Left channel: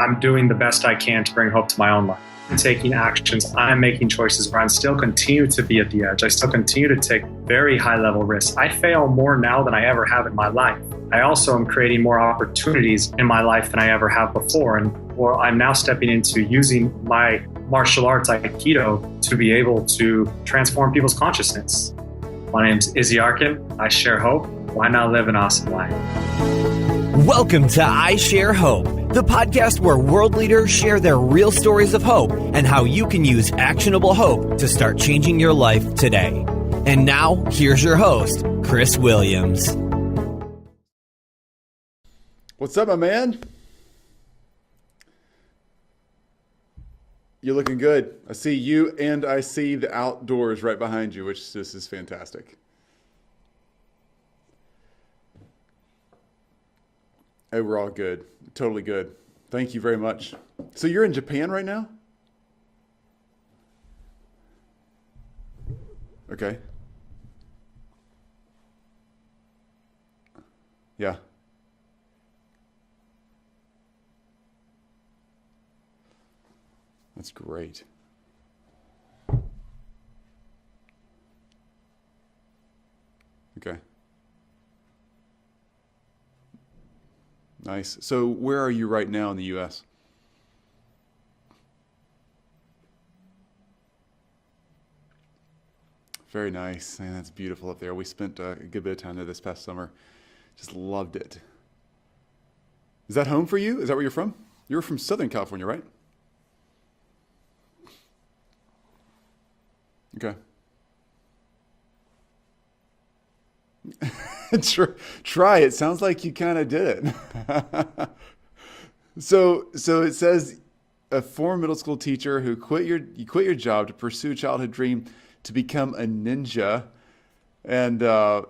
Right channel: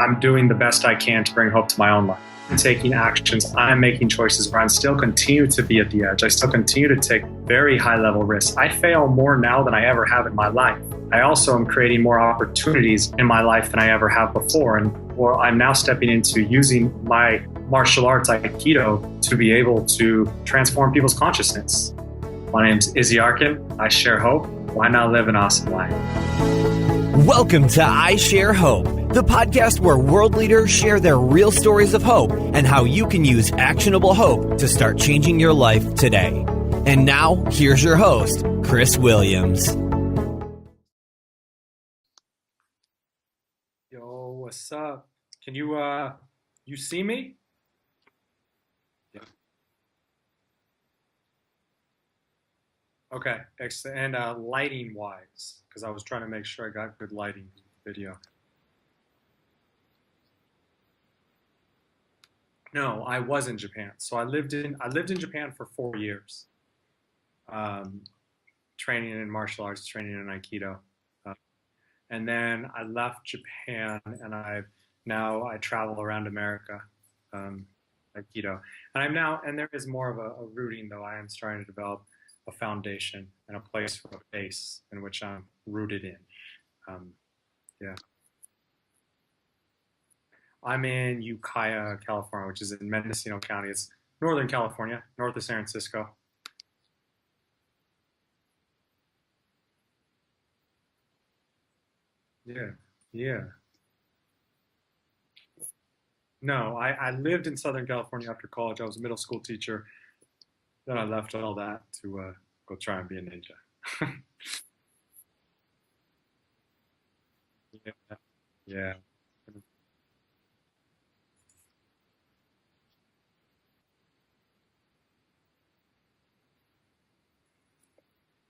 I'm doing the best I can to bring hope to my own life. I'm taking actions. I'm making choices where I still continue to be at the edge. I still continue to take very high level risks. I fail more now than I ever have in my life. I also am creating more opportunities in my life than I ever have before. And I'm now stepping into using my martial arts, Aikido, to be able to transform people's consciousness. My name's Izzy Arkin. I share hope. Why not live an awesome life? Welcome to I Share Hope, the podcast where world leaders share their real stories of hope and how you can use actionable hope to start changing your life today. And now, here's your host, Chris Williams. What's up, my man? Yo, what's up? Can you see me? You're looking good. I see you and I see the outdoors right behind you, which this is fantastic. Okay, excellent. And lighting wise, because I was trying to make sure I got good lighting. Hey, we're all good. Totally good. Thank you very much. So you're in Japan right now? No, I was in Japan. So I lived in Japan for 4 years. Okay. Training in martial arts, training in Aikido. Yeah. And then I left Japan, and I travel around America. That's great. Aikido, and there is more of a rooting though. I am starting to develop a foundation and a place for a base in which I'm rooted in. Nice. Yeah. So where are you right now in the U.S.? I'm in Ukiah, California, which is in Mendocino County. It's Northern California, north of San Francisco. Very nice. Man, that's beautiful up there. We spent a good bit of time there this past summer. Just loved it. Yeah. Is that home for you? Is that where you're from? You're from Southern California, right? No, I lived in Southern California after college. I was a middle school teacher. Okay. Then I left all that to go try and be a ninja. Try it. Sounds like you kind of did it. Yeah. So it says a former middle school teacher who quit your job to pursue a childhood dream to become a ninja, and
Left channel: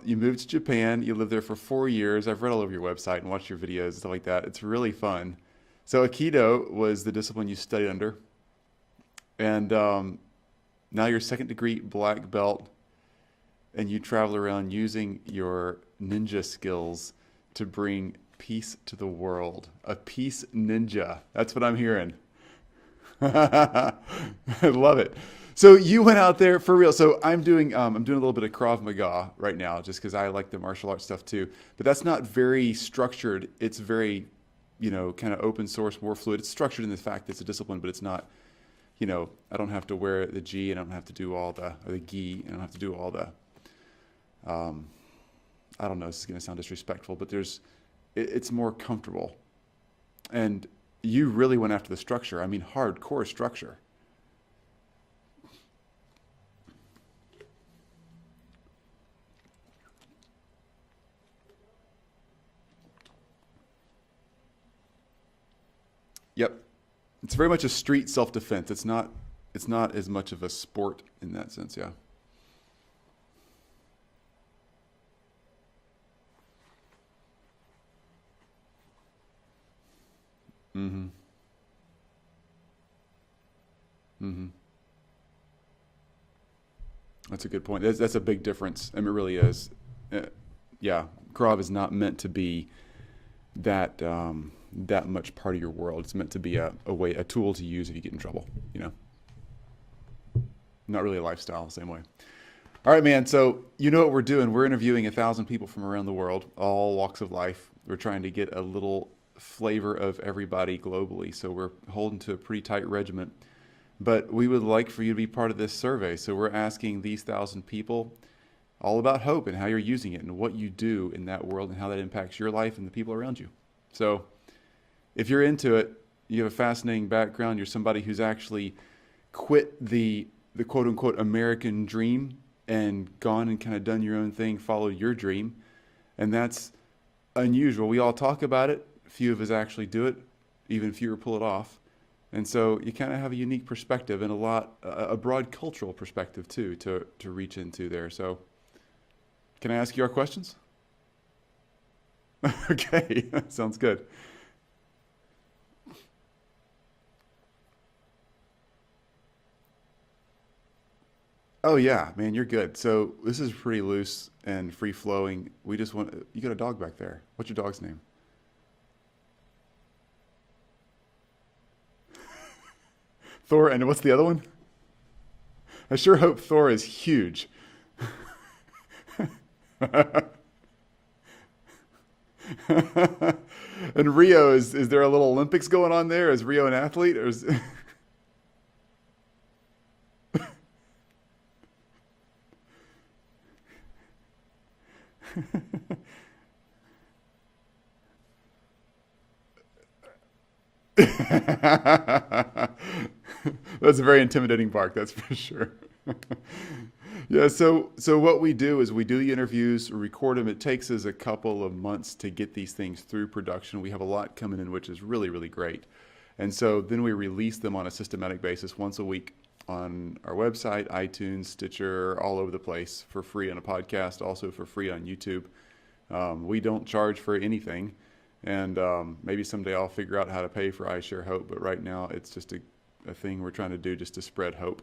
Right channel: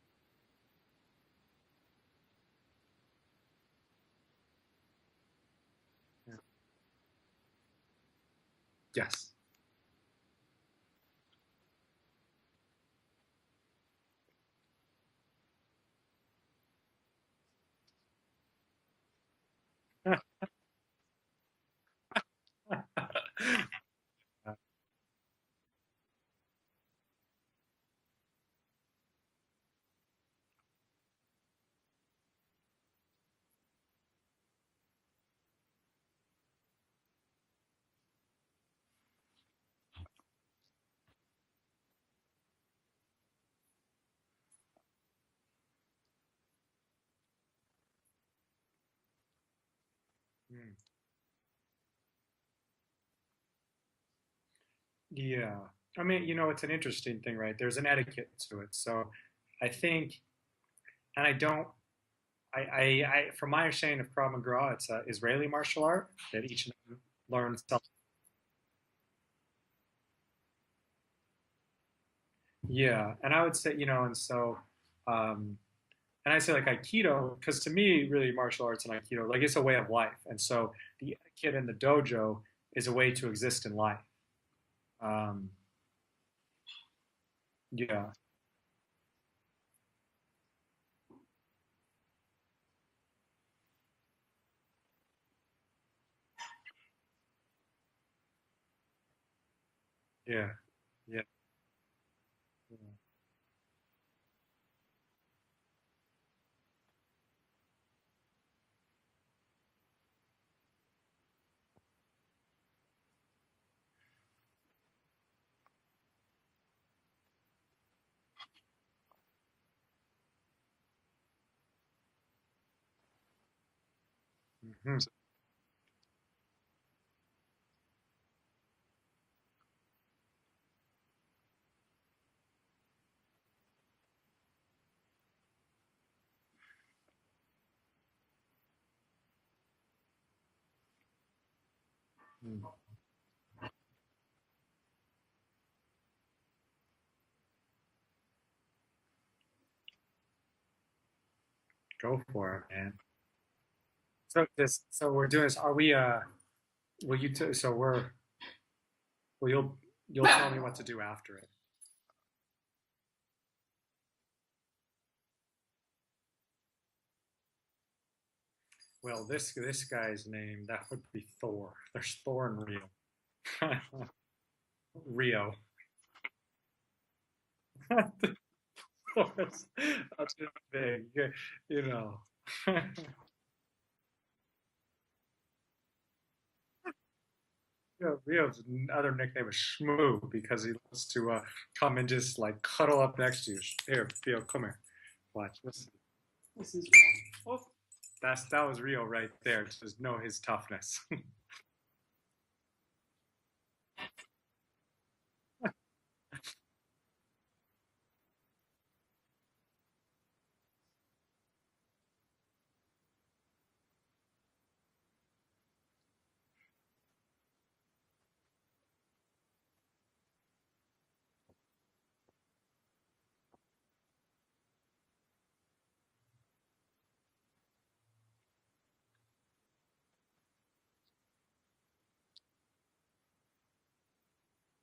you moved to Japan. You lived there for 4 years. I've read all over your website and watched your videos and stuff like that. It's really fun. So Aikido was the discipline you studied under. Yes. And now you're second degree black belt, and you travel around using your ninja skills to bring peace to the world. A peace ninja. That's what I'm hearing. I love it. So you went out there for real. So I'm doing a little bit of Krav Maga right now, just because I like the martial arts stuff too. But that's not very structured. It's very, kind of open source, more fluid. It's structured in the fact that it's a discipline, but it's not. I don't have to wear the gi, and I don't have to do all the gi, and I don't have to do all the. I don't know. This is going to sound disrespectful, but it's more comfortable. And you really went after the structure. I mean, hardcore structure. Yeah. I mean, it's an interesting thing, right? There's an etiquette to it. So I think, and from my understanding of Krav Maga, it's an Israeli martial art. Yep. It's very much a street self-defense. It's not as much of a sport in that sense. Yeah. Yeah. And I would say, and I say like Aikido, because to me, really martial arts and Aikido, like it's a way of life. And so the kid in the dojo is a way to exist in life. Mm-hmm. That's a good point. Yeah. That's a big difference. I mean, it really is. Krav is not meant to be that much part of your world. It's meant to be a tool to use if you get in trouble. Yeah. Not really a lifestyle the same way. All right, man. So you know what we're doing. We're interviewing 1,000 people from around the world, all walks of life. We're trying to get a little flavor of everybody globally. So we're holding to a pretty tight regiment. But we would like for you to be part of this survey. So we're asking these 1,000 people all about hope and how you're using it and what you do in that world and how that impacts your life and the people around you. So if you're into it, you have a fascinating background. You're somebody who's actually quit the quote unquote American dream and gone and kind of done your own thing, followed your dream. And that's unusual. We all talk about it. Few of us actually do it. Even fewer pull it off. And so you kind of have a unique perspective and a broad cultural perspective too, to reach into there. So can I ask you our questions? Go for it. Okay. Sounds good. So we're doing this. Are we, you'll tell me what to do after it. Oh yeah, man, you're good. So this is pretty loose and free flowing. You got a dog back there. What's your dog's name? Well, this guy's name, that would be Thor. There's Thor and Rio. Thor, and what's the other one? Rio. I sure hope Thor is huge. Thor's just big, you know. And Rio, is there a little Olympics going on there? Is Rio an athlete, or is... Rio's other nickname is Shmoo because he loves to come and just like cuddle up next to you. Here, Theo, come here. Watch this. This is oh, that was Rio right there. Just know his toughness. That's a very intimidating bark, that's for sure. Yeah, so what we do is we do the interviews, record them. It takes us a couple of months to get these things through production. We have a lot coming in, which is really, really great. And so then we release them on a systematic basis once a week on our website, iTunes, Stitcher, all over the place for free on a podcast, also for free on YouTube. We don't charge for anything. And maybe someday I'll figure out how to pay for I Share Hope. But right now it's just a thing we're trying to do just to spread hope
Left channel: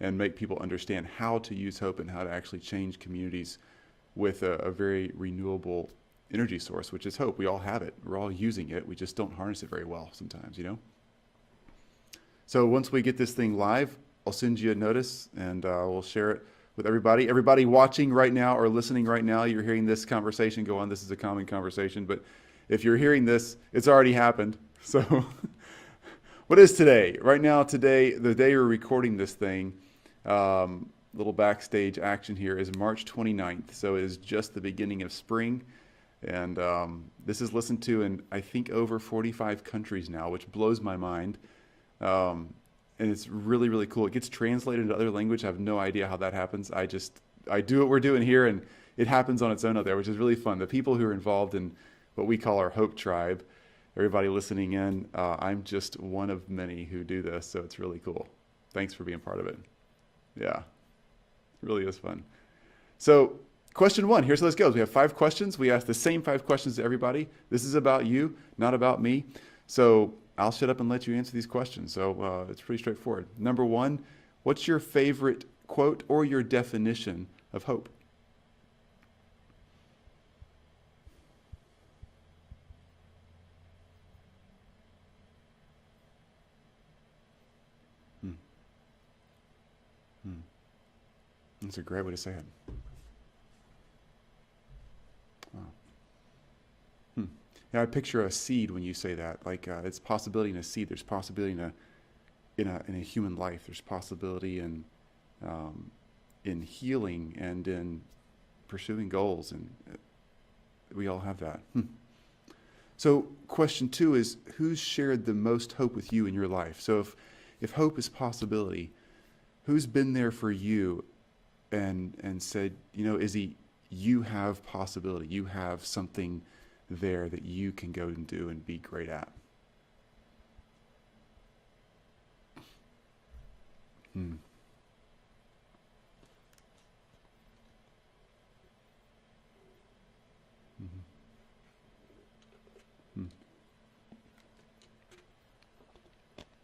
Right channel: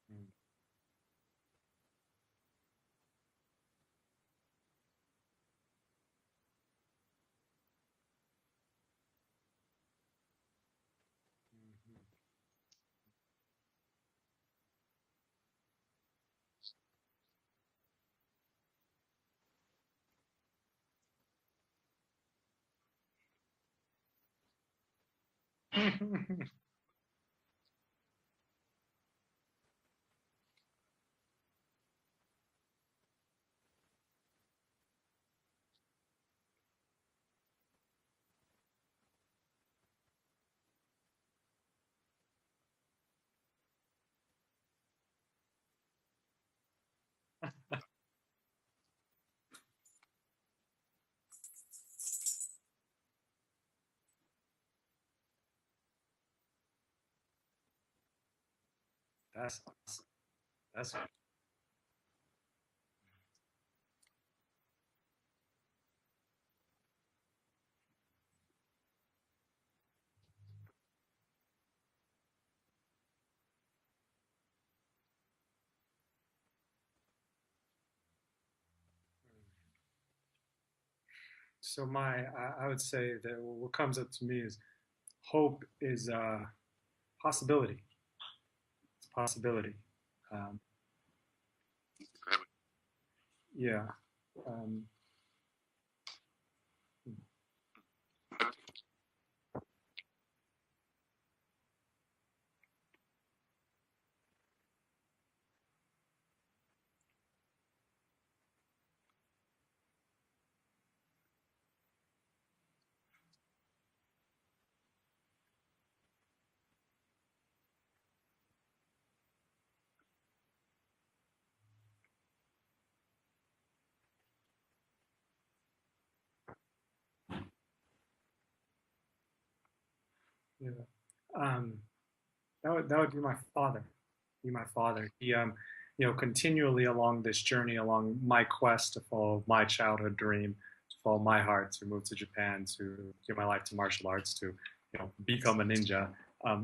and make people understand how to use hope and how to actually change communities with a very renewable energy source, which is hope. We all have it. We're all using it. We just don't harness it very well sometimes, you know? So once we get this thing live, I'll send you a notice and we'll share it with everybody. Everybody watching right now or listening right now, you're hearing this conversation go on. This is a common conversation, but if you're hearing this, it's already happened. So what is today? Right now, today, the day we're recording this thing, little backstage action here, is March 29th. So it is just the beginning of spring. And this is listened to in, I think, over 45 countries now, which blows my mind. And it's really, really cool. It gets translated into other language. I have no idea how that happens. I do what we're doing here, and it happens on its own out there, which is really fun. The people who are involved in what we call our Hope Tribe, everybody listening in, I'm just one of many who do this, so it's really cool. Thanks for being part of it. Yeah, it really is fun. So question one, here's how this goes. We have 5 questions. We ask the same 5 questions to everybody. This is about you, not about me. So I'll shut up and let you answer these questions. So it's pretty straightforward. Number 1, what's your favorite quote or your definition of hope? So I would say that what comes up to me is hope is possibility. It's possibility. That's a great way to say it. Yeah. Yeah, I picture a seed when you say that. Like it's possibility in a seed. There's possibility in a human life. There's possibility in healing and in pursuing goals, and we all have that. So question 2 is, who's shared the most hope with you in your life? So if hope is possibility, who's been there for you and said, you know, Izzy, you have possibility. You have something there that you can go and do and be great at? Yeah. That would be my father. Be my father. He, continually along this journey, along my quest to follow my childhood dream, to follow my heart, to move to Japan, to give my life to martial arts, to become a ninja.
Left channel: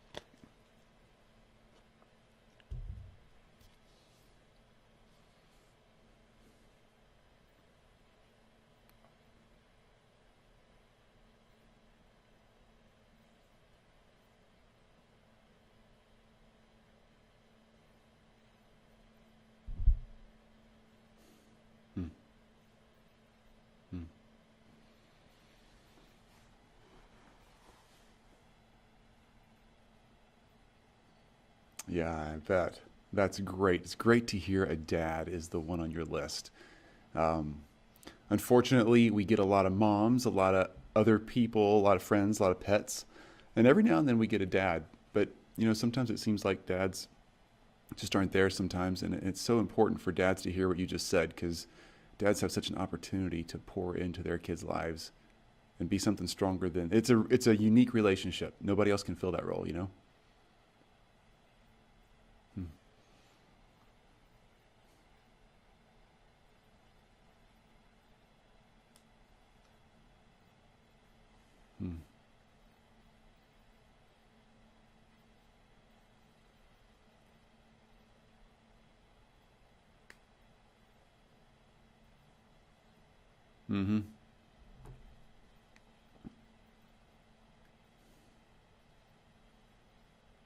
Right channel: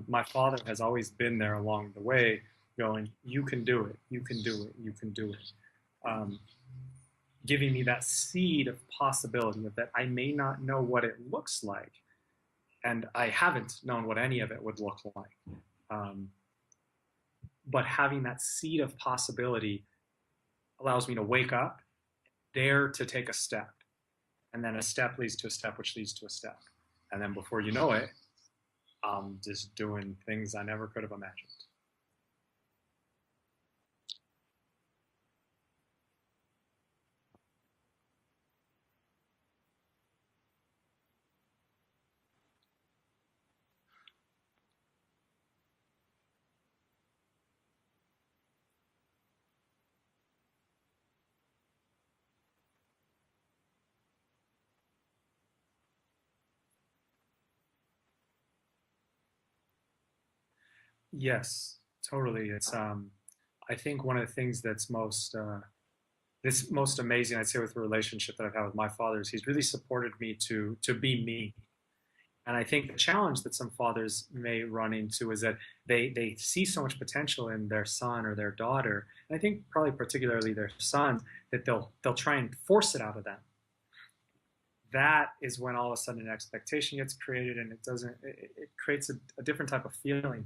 My father has always been there along the way, going, "You can do it. You can do it. You can do it." Giving me that seed of possibility of that I may not know what it looks like, and I haven't known what any of it would look like. But having that seed of possibility allows me to wake up, dare to take a step, and then a step leads to a step, which leads to a step. And then before you know it, I'm just doing things I never could have imagined. Yeah, I bet. That's great. It's great to hear a dad is the one on your list. Unfortunately, we get a lot of moms, a lot of other people, a lot of friends, a lot of pets, and every now and then we get a dad. But sometimes it seems like dads just aren't there sometimes, and it's so important for dads to hear what you just said, because dads have such an opportunity to pour into their kids' lives and be something stronger than it's a unique relationship. Nobody else can fill that role, Yes, totally. It's I think one of the things that's most amazing, I'd say, with the relationship that I've had with my father is he's really supported me to be me. And I think the challenge that some fathers may run into is that they see so much potential in their son or their daughter, and I think probably particularly their son, that they'll try and force it out of them. that is when all of a sudden an expectation gets created, and it creates a different type of feeling.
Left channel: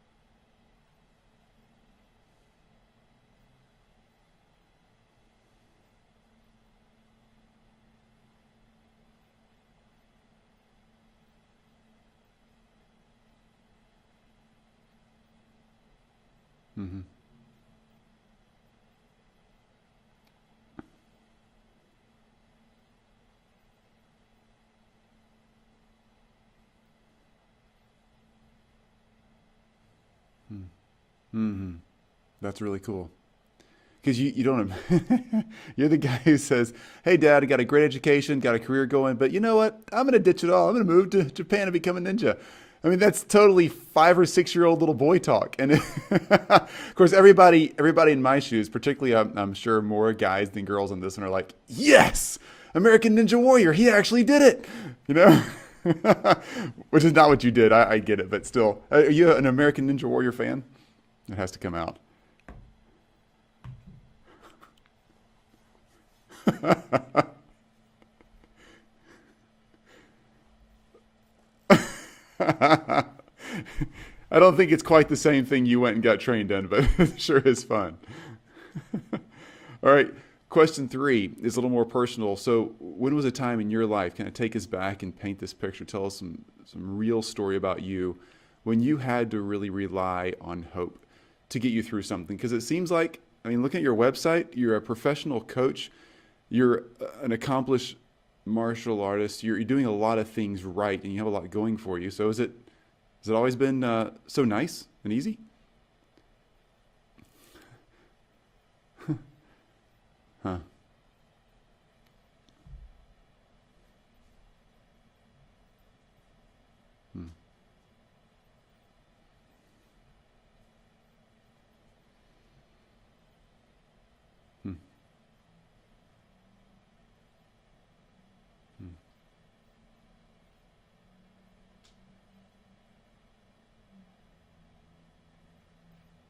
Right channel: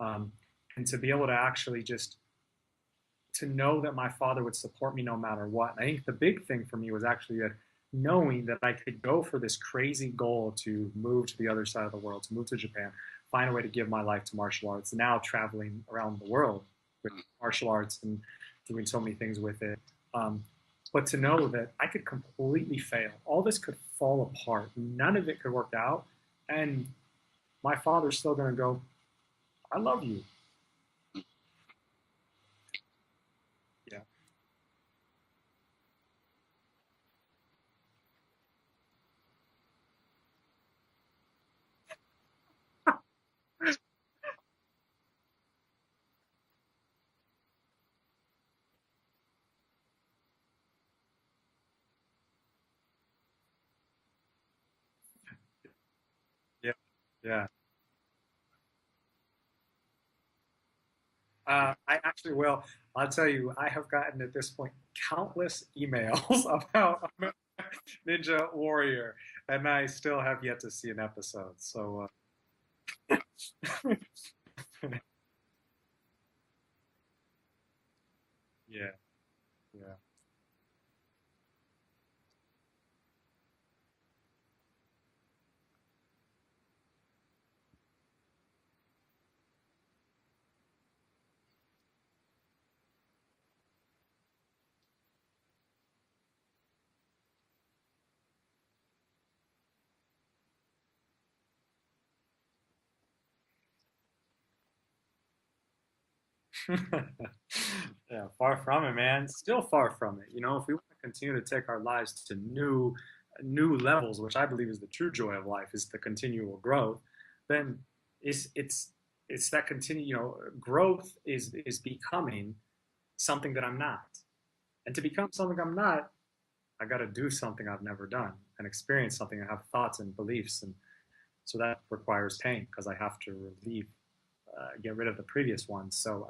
And to be able to actually just to know that my father would support me no matter what. And I think the big thing for me was actually that knowing that I could go for this crazy goal to move to the other side of the world, to move to Japan, find a way to give my life to martial arts, now traveling around the world with martial arts and doing so many things with it. But to know that I could completely fail. All this could fall apart. None of it could work out. And my father's still going to go, I love you. Mm-hmm. That's really cool. Because you don't, you're the guy who says, hey, Dad, I got a great education, got a career going, but you know what? I'm going to ditch it all. I'm going to move to Japan and become a ninja. I mean, that's totally 5 or 6 year old little boy talk. And of course, everybody in my shoes, particularly I'm sure more guys than girls on this one are like, yes, American Ninja Warrior. He actually did it, you know, which is not what you did. I get it. But still, are you an American Ninja Warrior fan? It has to come out. I actually will. I'll tell you, I have gotten at this point countless emails about Ninja Warrior, and I still have yet to see an episode. So, I don't think it's quite the same thing you went and got trained in, but it sure is fun. Yeah. All right. Question 3 is a little more personal. So when was a time in your life, kind of take us back and paint this picture, tell us some real story about you when you had to really rely on hope to get you through something? Because it seems like, I mean, looking at your website, you're a professional coach, you're an accomplished martial artist, you're doing a lot of things right, and you have a lot going for you. So has it always been so nice and easy? Yeah, far from it, man. Still far from it. You know, if we want to continue to take our lives to new levels, which I believe is the true joy of life, is the continual growth, then it's that continue, you know, growth is becoming something that I'm not. And to become something I'm not, I got to do something I've never done and experience something and have thoughts and beliefs. And so that requires pain because I have to get rid of the previous ones. So,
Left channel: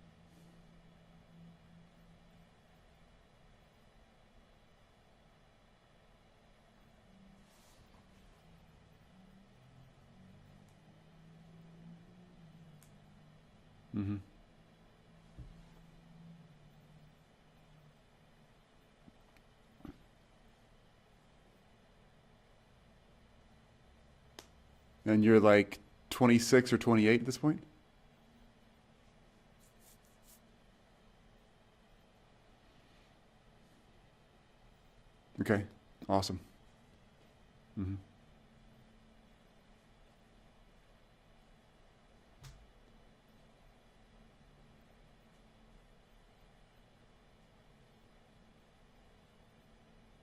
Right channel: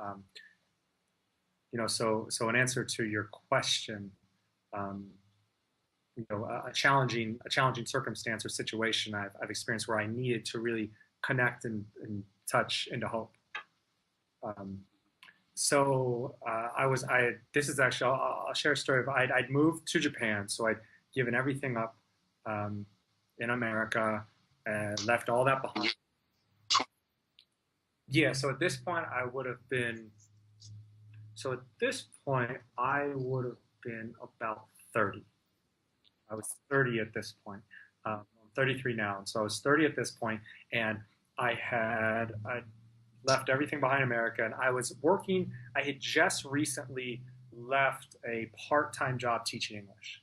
you know, so in answer to your question, you know, a challenging circumstance or situation I've experienced where I needed to really connect and touch into hope. This is actually, I'll share a story of, I'd moved to Japan. So I'd given everything up, in America. And when you're like 26 or 28 at this point? Yeah. So at this point I would have been about 30. Okay. Awesome. I was 30 at this point. 33 now. And so I was 30 at this point, and I left everything behind in America, and I was working. I had just recently left a part-time job teaching English,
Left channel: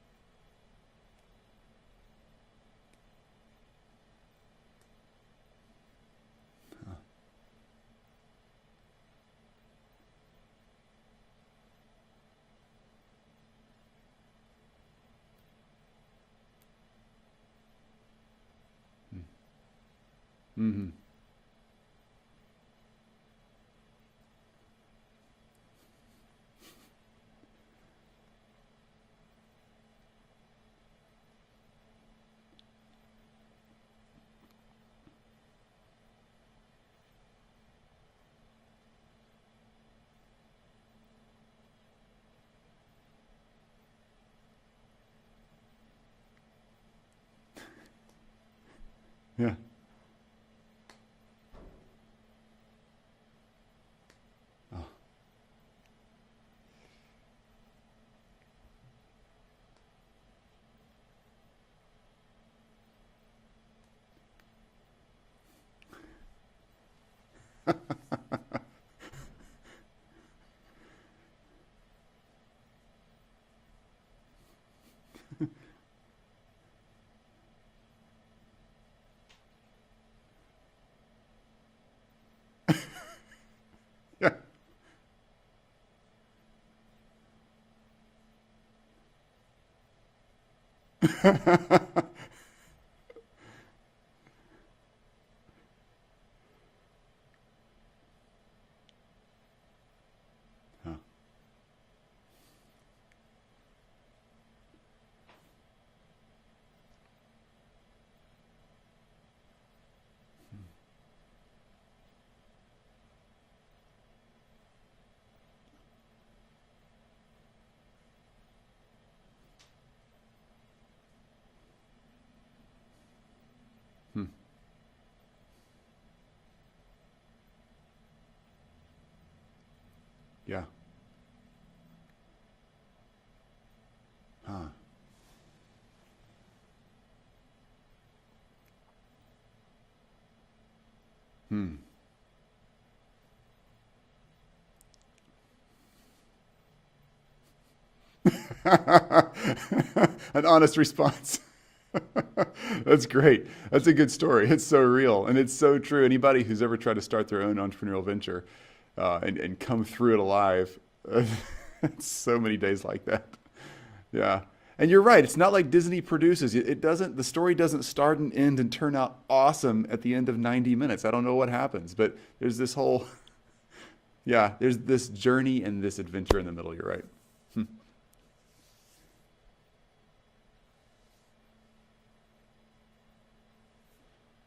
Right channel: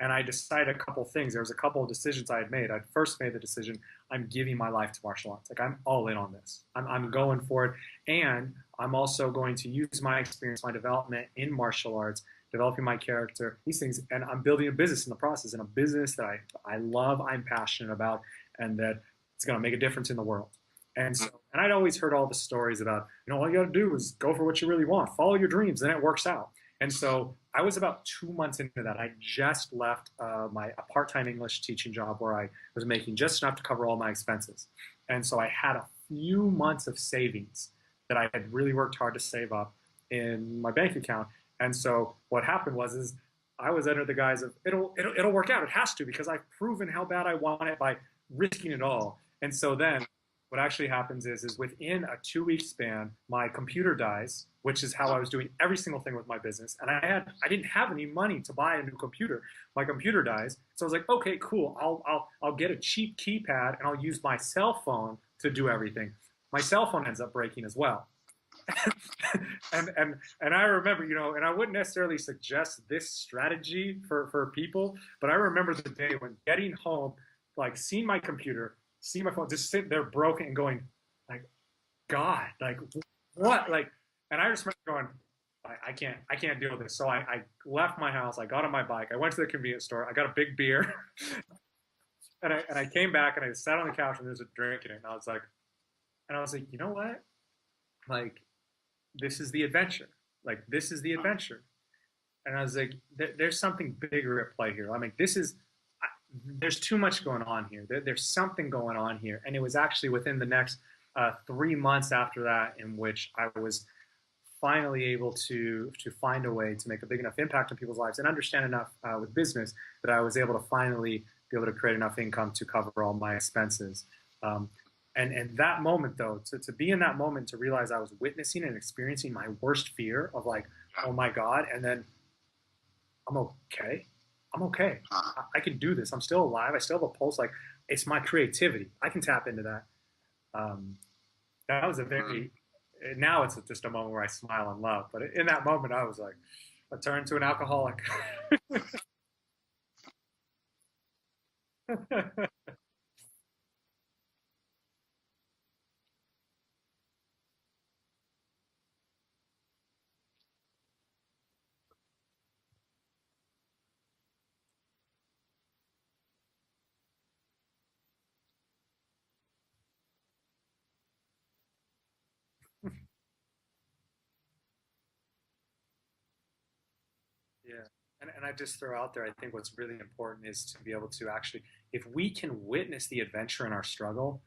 and I decided a couple things. There was a couple of decisions I had made. I'd first made the decision, I'm giving my life to martial arts. Like, I'm all in on this. I'm going for it, and I'm also going to use my experience, my development in martial arts, developing my character, these things, and I'm building a business in the process, and a business that I love, I'm passionate about, and that it's going to make a difference in the world. And I'd always heard all the stories about, you know, all you got to do is go for what you really want, follow your dreams, then it works out. And so I was about 2 months into that. I just left a part-time English teaching job where I was making just enough to cover all my expenses. And so I had a few months of savings that I had really worked hard to save up in my bank account. And so what happened was I was under the guise of it'll work out. It has to, because I've proven how bad I want it by risking it all. And so then what actually happens is within a 2-week span, my computer dies, which is how I was doing every single thing with my business. And I didn't have any money to buy a new computer. My computer dies. So I was like, okay, cool. I'll get a cheap keypad and I'll use my cell phone to do everything. My cell phone ends up breaking as well. and I remember, you know, and I wouldn't necessarily suggest this strategy for people, but I remember the day when getting home, like seeing my computer, seeing my phone, just sitting there broken and going, like, God, like, what? Like, and I just remember going, I can't deal with this. So I left my house, I got on my bike, I went to the convenience store, I got a big beer, and I came back and I sat on the couch and there was a drink in it, and I was like, you know what? Like, this is the adventure. Like, this is the adventure. And I was like, there's something bigger at play here. I mean, this is there's too much going on here. There's something going on here. And it was actually within the next 3 months after that in which I was finally able to find a way to make a big enough impact on people's lives and understand enough with business that I was able to finally be able to create enough income to cover all my expenses. And that moment, though, to be in that moment, to realize I was witnessing and experiencing my worst fear of like, oh my God, and then I'm okay. I'm okay. I can do this. I'm still alive. I still have a pulse. Like, it's my creativity. I can tap into that. That was a very, now it's just a moment where I smile and love. But in that moment, I was like, I turned to an alcoholic. An honest response. That's great. That's a good story. It's so real. And it's so true. Anybody who's ever tried to start their own entrepreneurial venture and come through it alive, so many days like that. Yeah. And you're right. It's not like Disney produces. It doesn't, the story doesn't start and end and turn out awesome at the end of 90 minutes. I don't know what happens, but there's this whole, there's this journey and this adventure in the middle. You're right. Yeah. And I just throw out there, I think what's really important is to be able to actually, if we can witness the adventure in our struggle,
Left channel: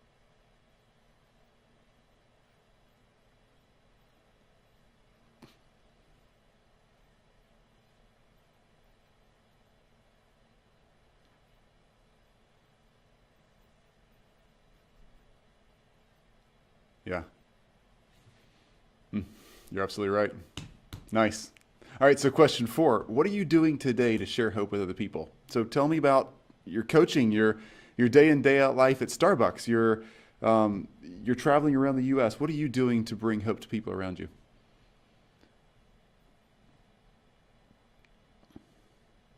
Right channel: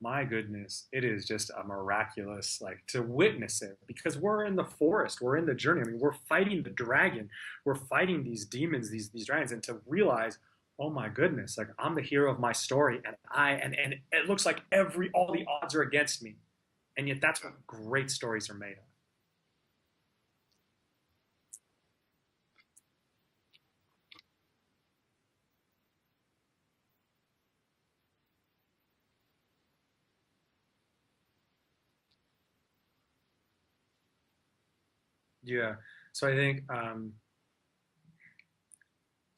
my goodness, it is just a miraculous, like, to witness it, because we're in the forest, we're in the journey. I mean, we're fighting the dragon, we're fighting these demons, these dragons, and to realize, oh my goodness, like, I'm the hero of my story, and it looks like all the odds are against me, and yet that's what great stories are made of. You're absolutely right. Nice. All right, so question 4, what are you doing today to share hope with other people? So tell me about your coaching, your day in, day out life at Starbucks. You're traveling around the U.S. What are you doing to bring hope to people around you? Yeah, so I think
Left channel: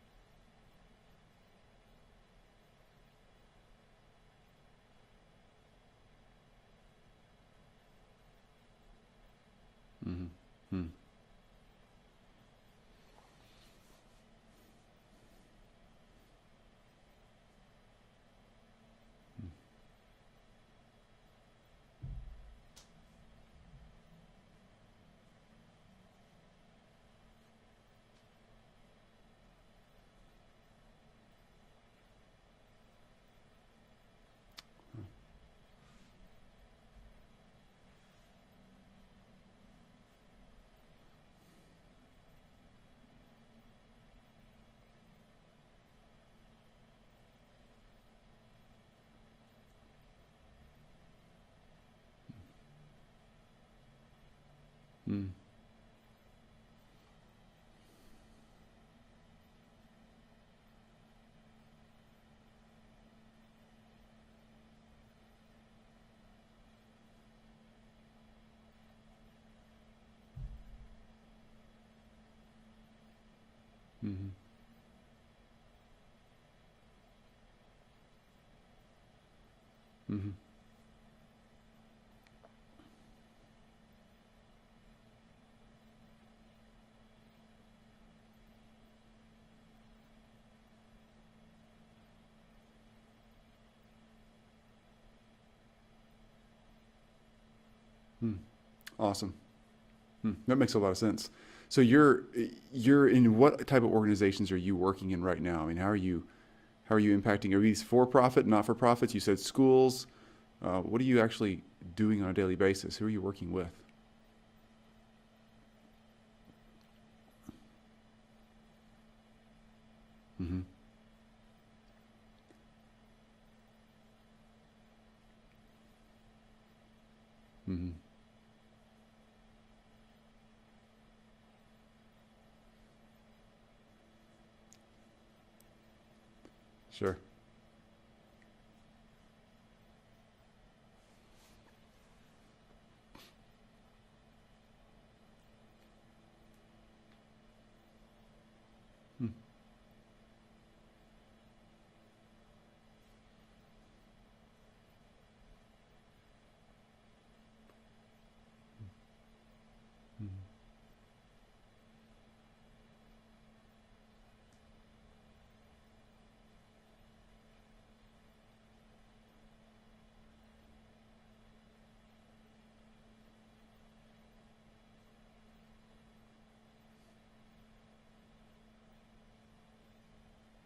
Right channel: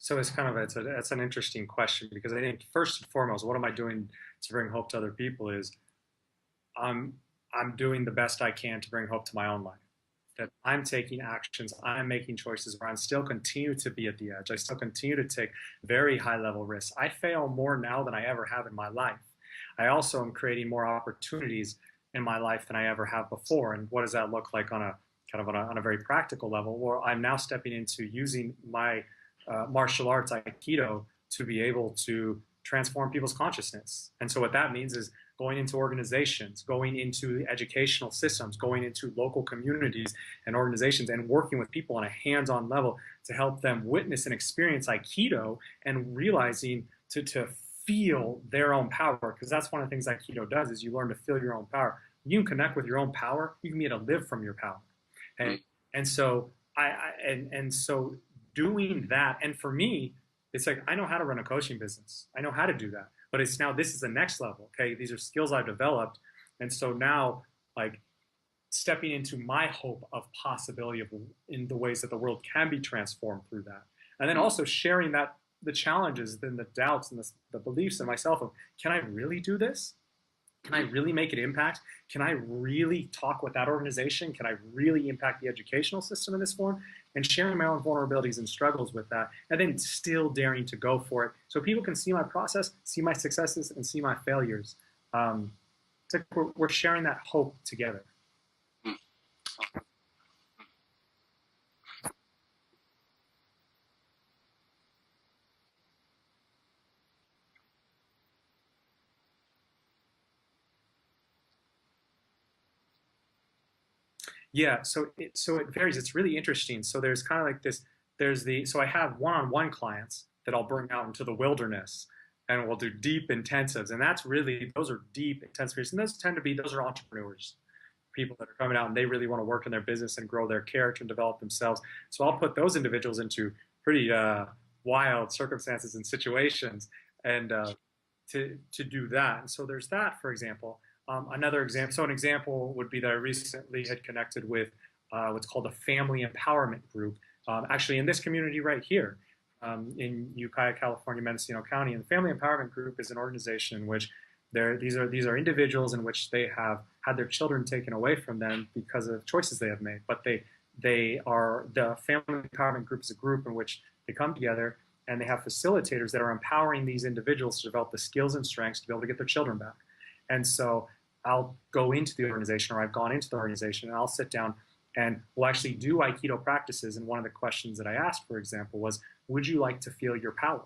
it's an interesting question, because I think first and foremost, what am I doing to bring hope to other people is I'm doing the best I can to bring hope to my own life. That I'm taking actions, I'm making choices where I still continue to be at the edge. I still continue to take very high level risks. I fail more now than I ever have in my life. I also am creating more opportunities in my life than I ever have before. And what does that look like on a very practical level? Well, I'm now stepping into using my martial arts, Aikido, to be able to transform people's consciousness. And so what that means is going into organizations, going into educational systems, going into local communities and organizations, and working with people on a hands-on level to help them witness and experience Aikido and realizing to feel their own power. Because that's one of the things Aikido does, is you learn to feel your own power. You can connect with your own power. You can be able to live from your power. And so so doing that, and for me, it's like, I know how to run a coaching business. I know how to do that. But it's now, this is the next level. Okay, these are skills I've developed, and so now, like, stepping into my hope of possibility in the ways that the world can be transformed through that, and then also sharing that the challenges, then the doubts and the beliefs in myself of, can I really do this? Can I really make an impact? Can I really talk with that organization? Can I really impact the educational system in this form? And sharing my own vulnerabilities and struggles with that, and then still daring to go for it, so people can see my process, see my successes, and see my failures. It's like we're sharing that hope together. Awesome. That makes a lot of sense. So you're in what type of organizations are you working in right now? I mean, how are you impacting? Are these for-profit, not-for-profits? You said schools. What are you actually doing on a daily basis? Who are you working with? Yeah, so it varies. It's really interesting. So there's kind of like this. So I have one-on-one clients that I'll bring out into the wilderness, and we'll do deep intensives. And those are deep intensives. And those are entrepreneurs, people that are coming out and they really want to work in their business and grow their character and develop themselves. So I'll put those individuals into pretty wild circumstances and situations, and to do that. And so there's that, for example. Another example, so an example would be that I recently had connected with what's called a family empowerment group, actually in this community right here in Ukiah, California, Mendocino County. And the family empowerment group is an organization in which these are individuals in which they have had their children taken away from them because of choices they have made. But the family empowerment group is a group in which they come together and they have facilitators that are empowering these individuals to develop the skills and strengths to be able to get their children back. And so I'll go into the organization, or I've gone into the organization, and I'll sit down and we'll actually do Aikido practices. And one of the questions that I asked, for example, was, would you like to feel your power?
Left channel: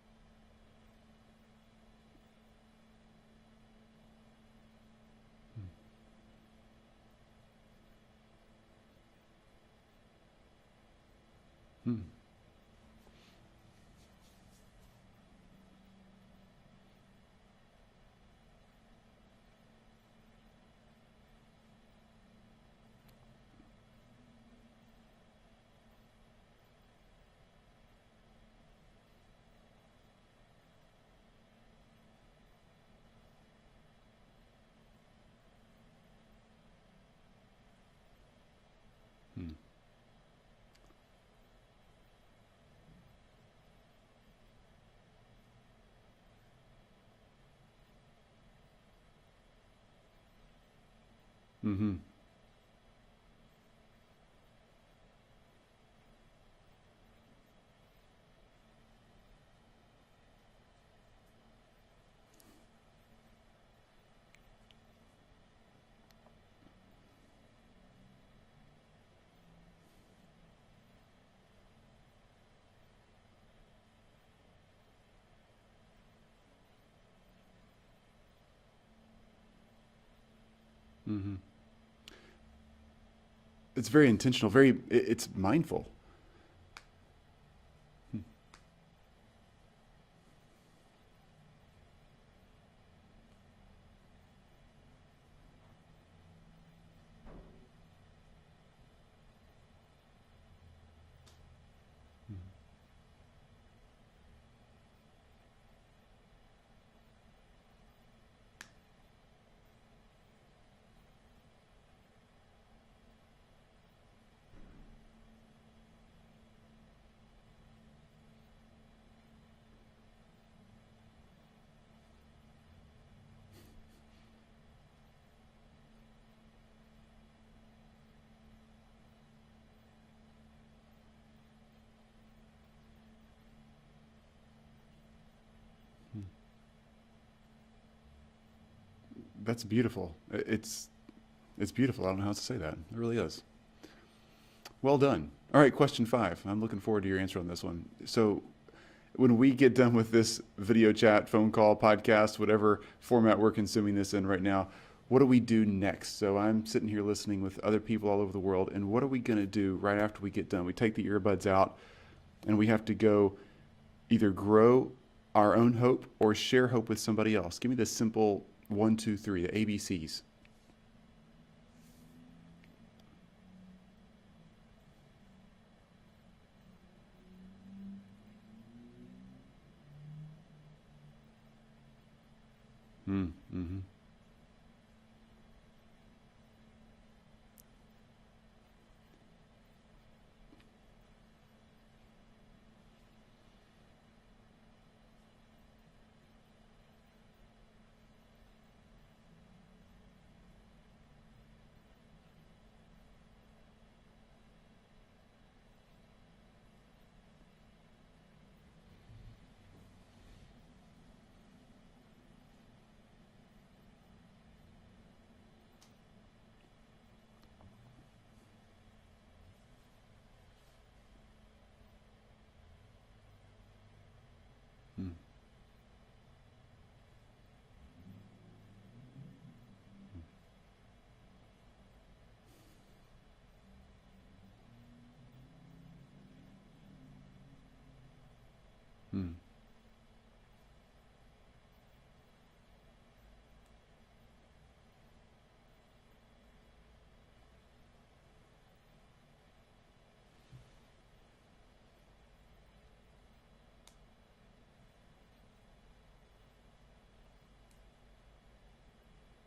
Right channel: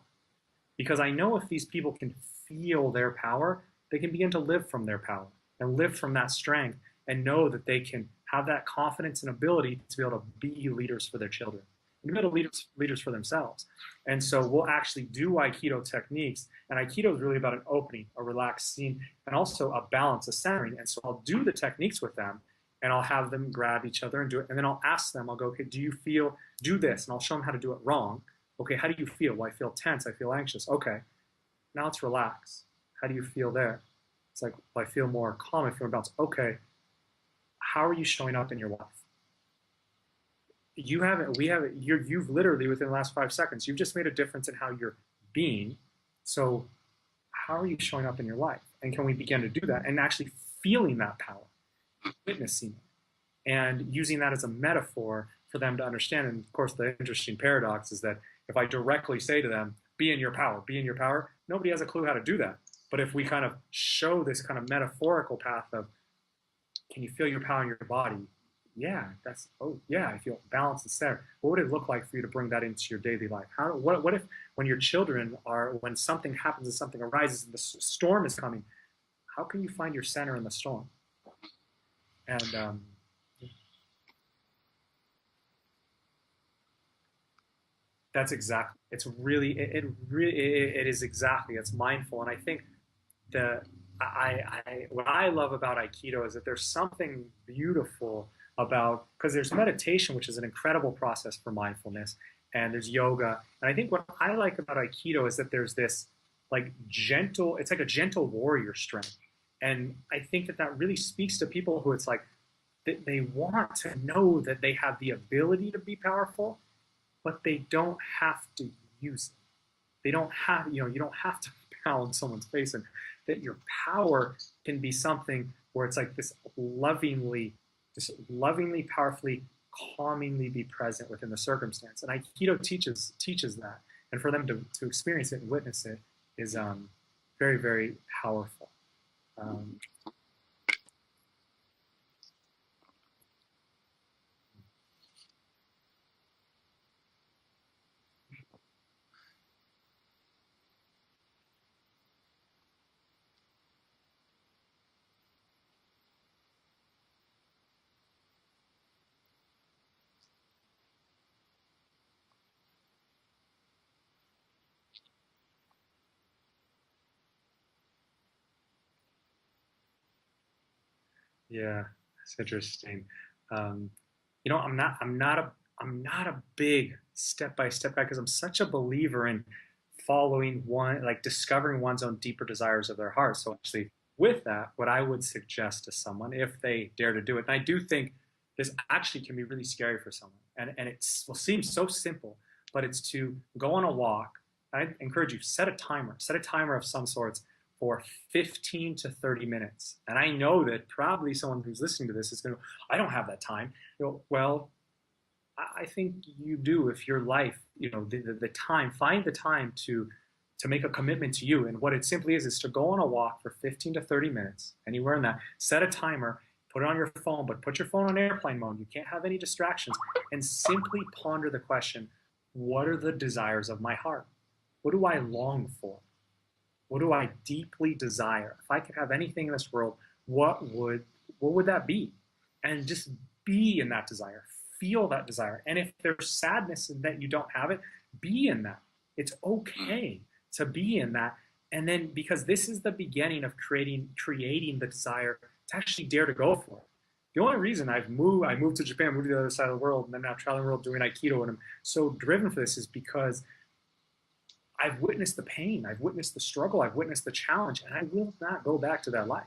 Because I know if these people can feel their power, they can begin to live from their power and live from that strength and know that they can have that confidence and ability to be able to be leaders for their children, be able to leaders for themselves. And so we'll actually do Aikido techniques. And Aikido is really about an opening, a relaxed scene, and also a balance, a centering. And so I'll do the techniques with them, and I'll have them grab each other and do it. And then I'll ask them, I'll go, okay, do you feel, do this? And I'll show them how to do it wrong. Okay, how do you feel? Well, I feel tense. I feel anxious. Okay, now let's relax. How do you feel there? It's like, well, I feel more calm. I feel more balanced. Okay, how are you showing up in your life? You haven't, we haven't, you've literally within the last 5 seconds, you've just made a difference in how you're being. So how are you showing up in your life? And can we begin to do that and actually feeling that power, witnessing, and using that as a metaphor for them to understand? And of course, the interesting paradox is that if I directly say to them, be in your power, nobody has a clue how to do that. But if we kind of show this kind of metaphorical path of, can you feel your power in your body? Yeah, that's, oh yeah, I feel balanced and centered. What would it look like for you to bring that into your daily life? What if when your children are, when something happens and something arises and the storm is coming, how can you find your center in the storm? And it's very intentional, it's mindful. That's exactly, it's really, it is exactly, it's mindful. And I think what I love about Aikido is that there's something beautiful about, because there's meditation, which is an incredible process for mindfulness, and there's yoga. And I think what I like about Aikido is that there's this like gentle, it's like a gentle warrior strength. And I think that that really speaks to people who it's like, they want to know that they have the ability to be powerful, but they don't have to use it. They don't have, you don't have to pound someone's face, and that your power can be something where it's like this lovingly, powerfully, calmingly be present within the circumstance. And Aikido teaches that. And for them to experience it and witness it is very, very powerful. That's beautiful. It's beautiful. I don't know how else to say that. It really is. Well done. All right, question 5. I'm looking forward to your answer on this one. So when we get done with this video chat, phone call, podcast, whatever format we're consuming this in right now, what do we do next? So I'm sitting here listening with other people all over the world, and what are we going to do right after we get done? We take the earbuds out, and we have to go either grow our own hope or share hope with somebody else. Give me the simple 1, 2, 3, the ABCs. Yeah, it's interesting. I'm not a big step-by-step guy, because I'm such a believer in following discovering one's own deeper desires of their heart. So actually, with that, what I would suggest to someone, if they dare to do it, and I do think this actually can be really scary for someone, and it will seem so simple, but it's to go on a walk. I encourage you, set a timer of some sorts for 15 to 30 minutes. And I know that probably someone who's listening to this is going to, I don't have that time. Well, I think you do. If your life, the time, find the time to make a commitment to you. And what it simply is to go on a walk for 15 to 30 minutes, anywhere in that, set a timer, put it on your phone, but put your phone on airplane mode. You can't have any distractions, and simply ponder the question, what are the desires of my heart? What do I long for? What do I deeply desire? If I could have anything in this world, what would that be? And just be in that desire. Feel that desire. And if there's sadness in that you don't have it, be in that. It's okay to be in that. And then, because this is the beginning of creating the desire to actually dare to go for it. The only reason I moved to Japan, moved to the other side of the world, and then now traveling the world doing Aikido, and I'm so driven for this, is because I've witnessed the pain, I've witnessed the struggle, I've witnessed the challenge, and I will not go back to that life.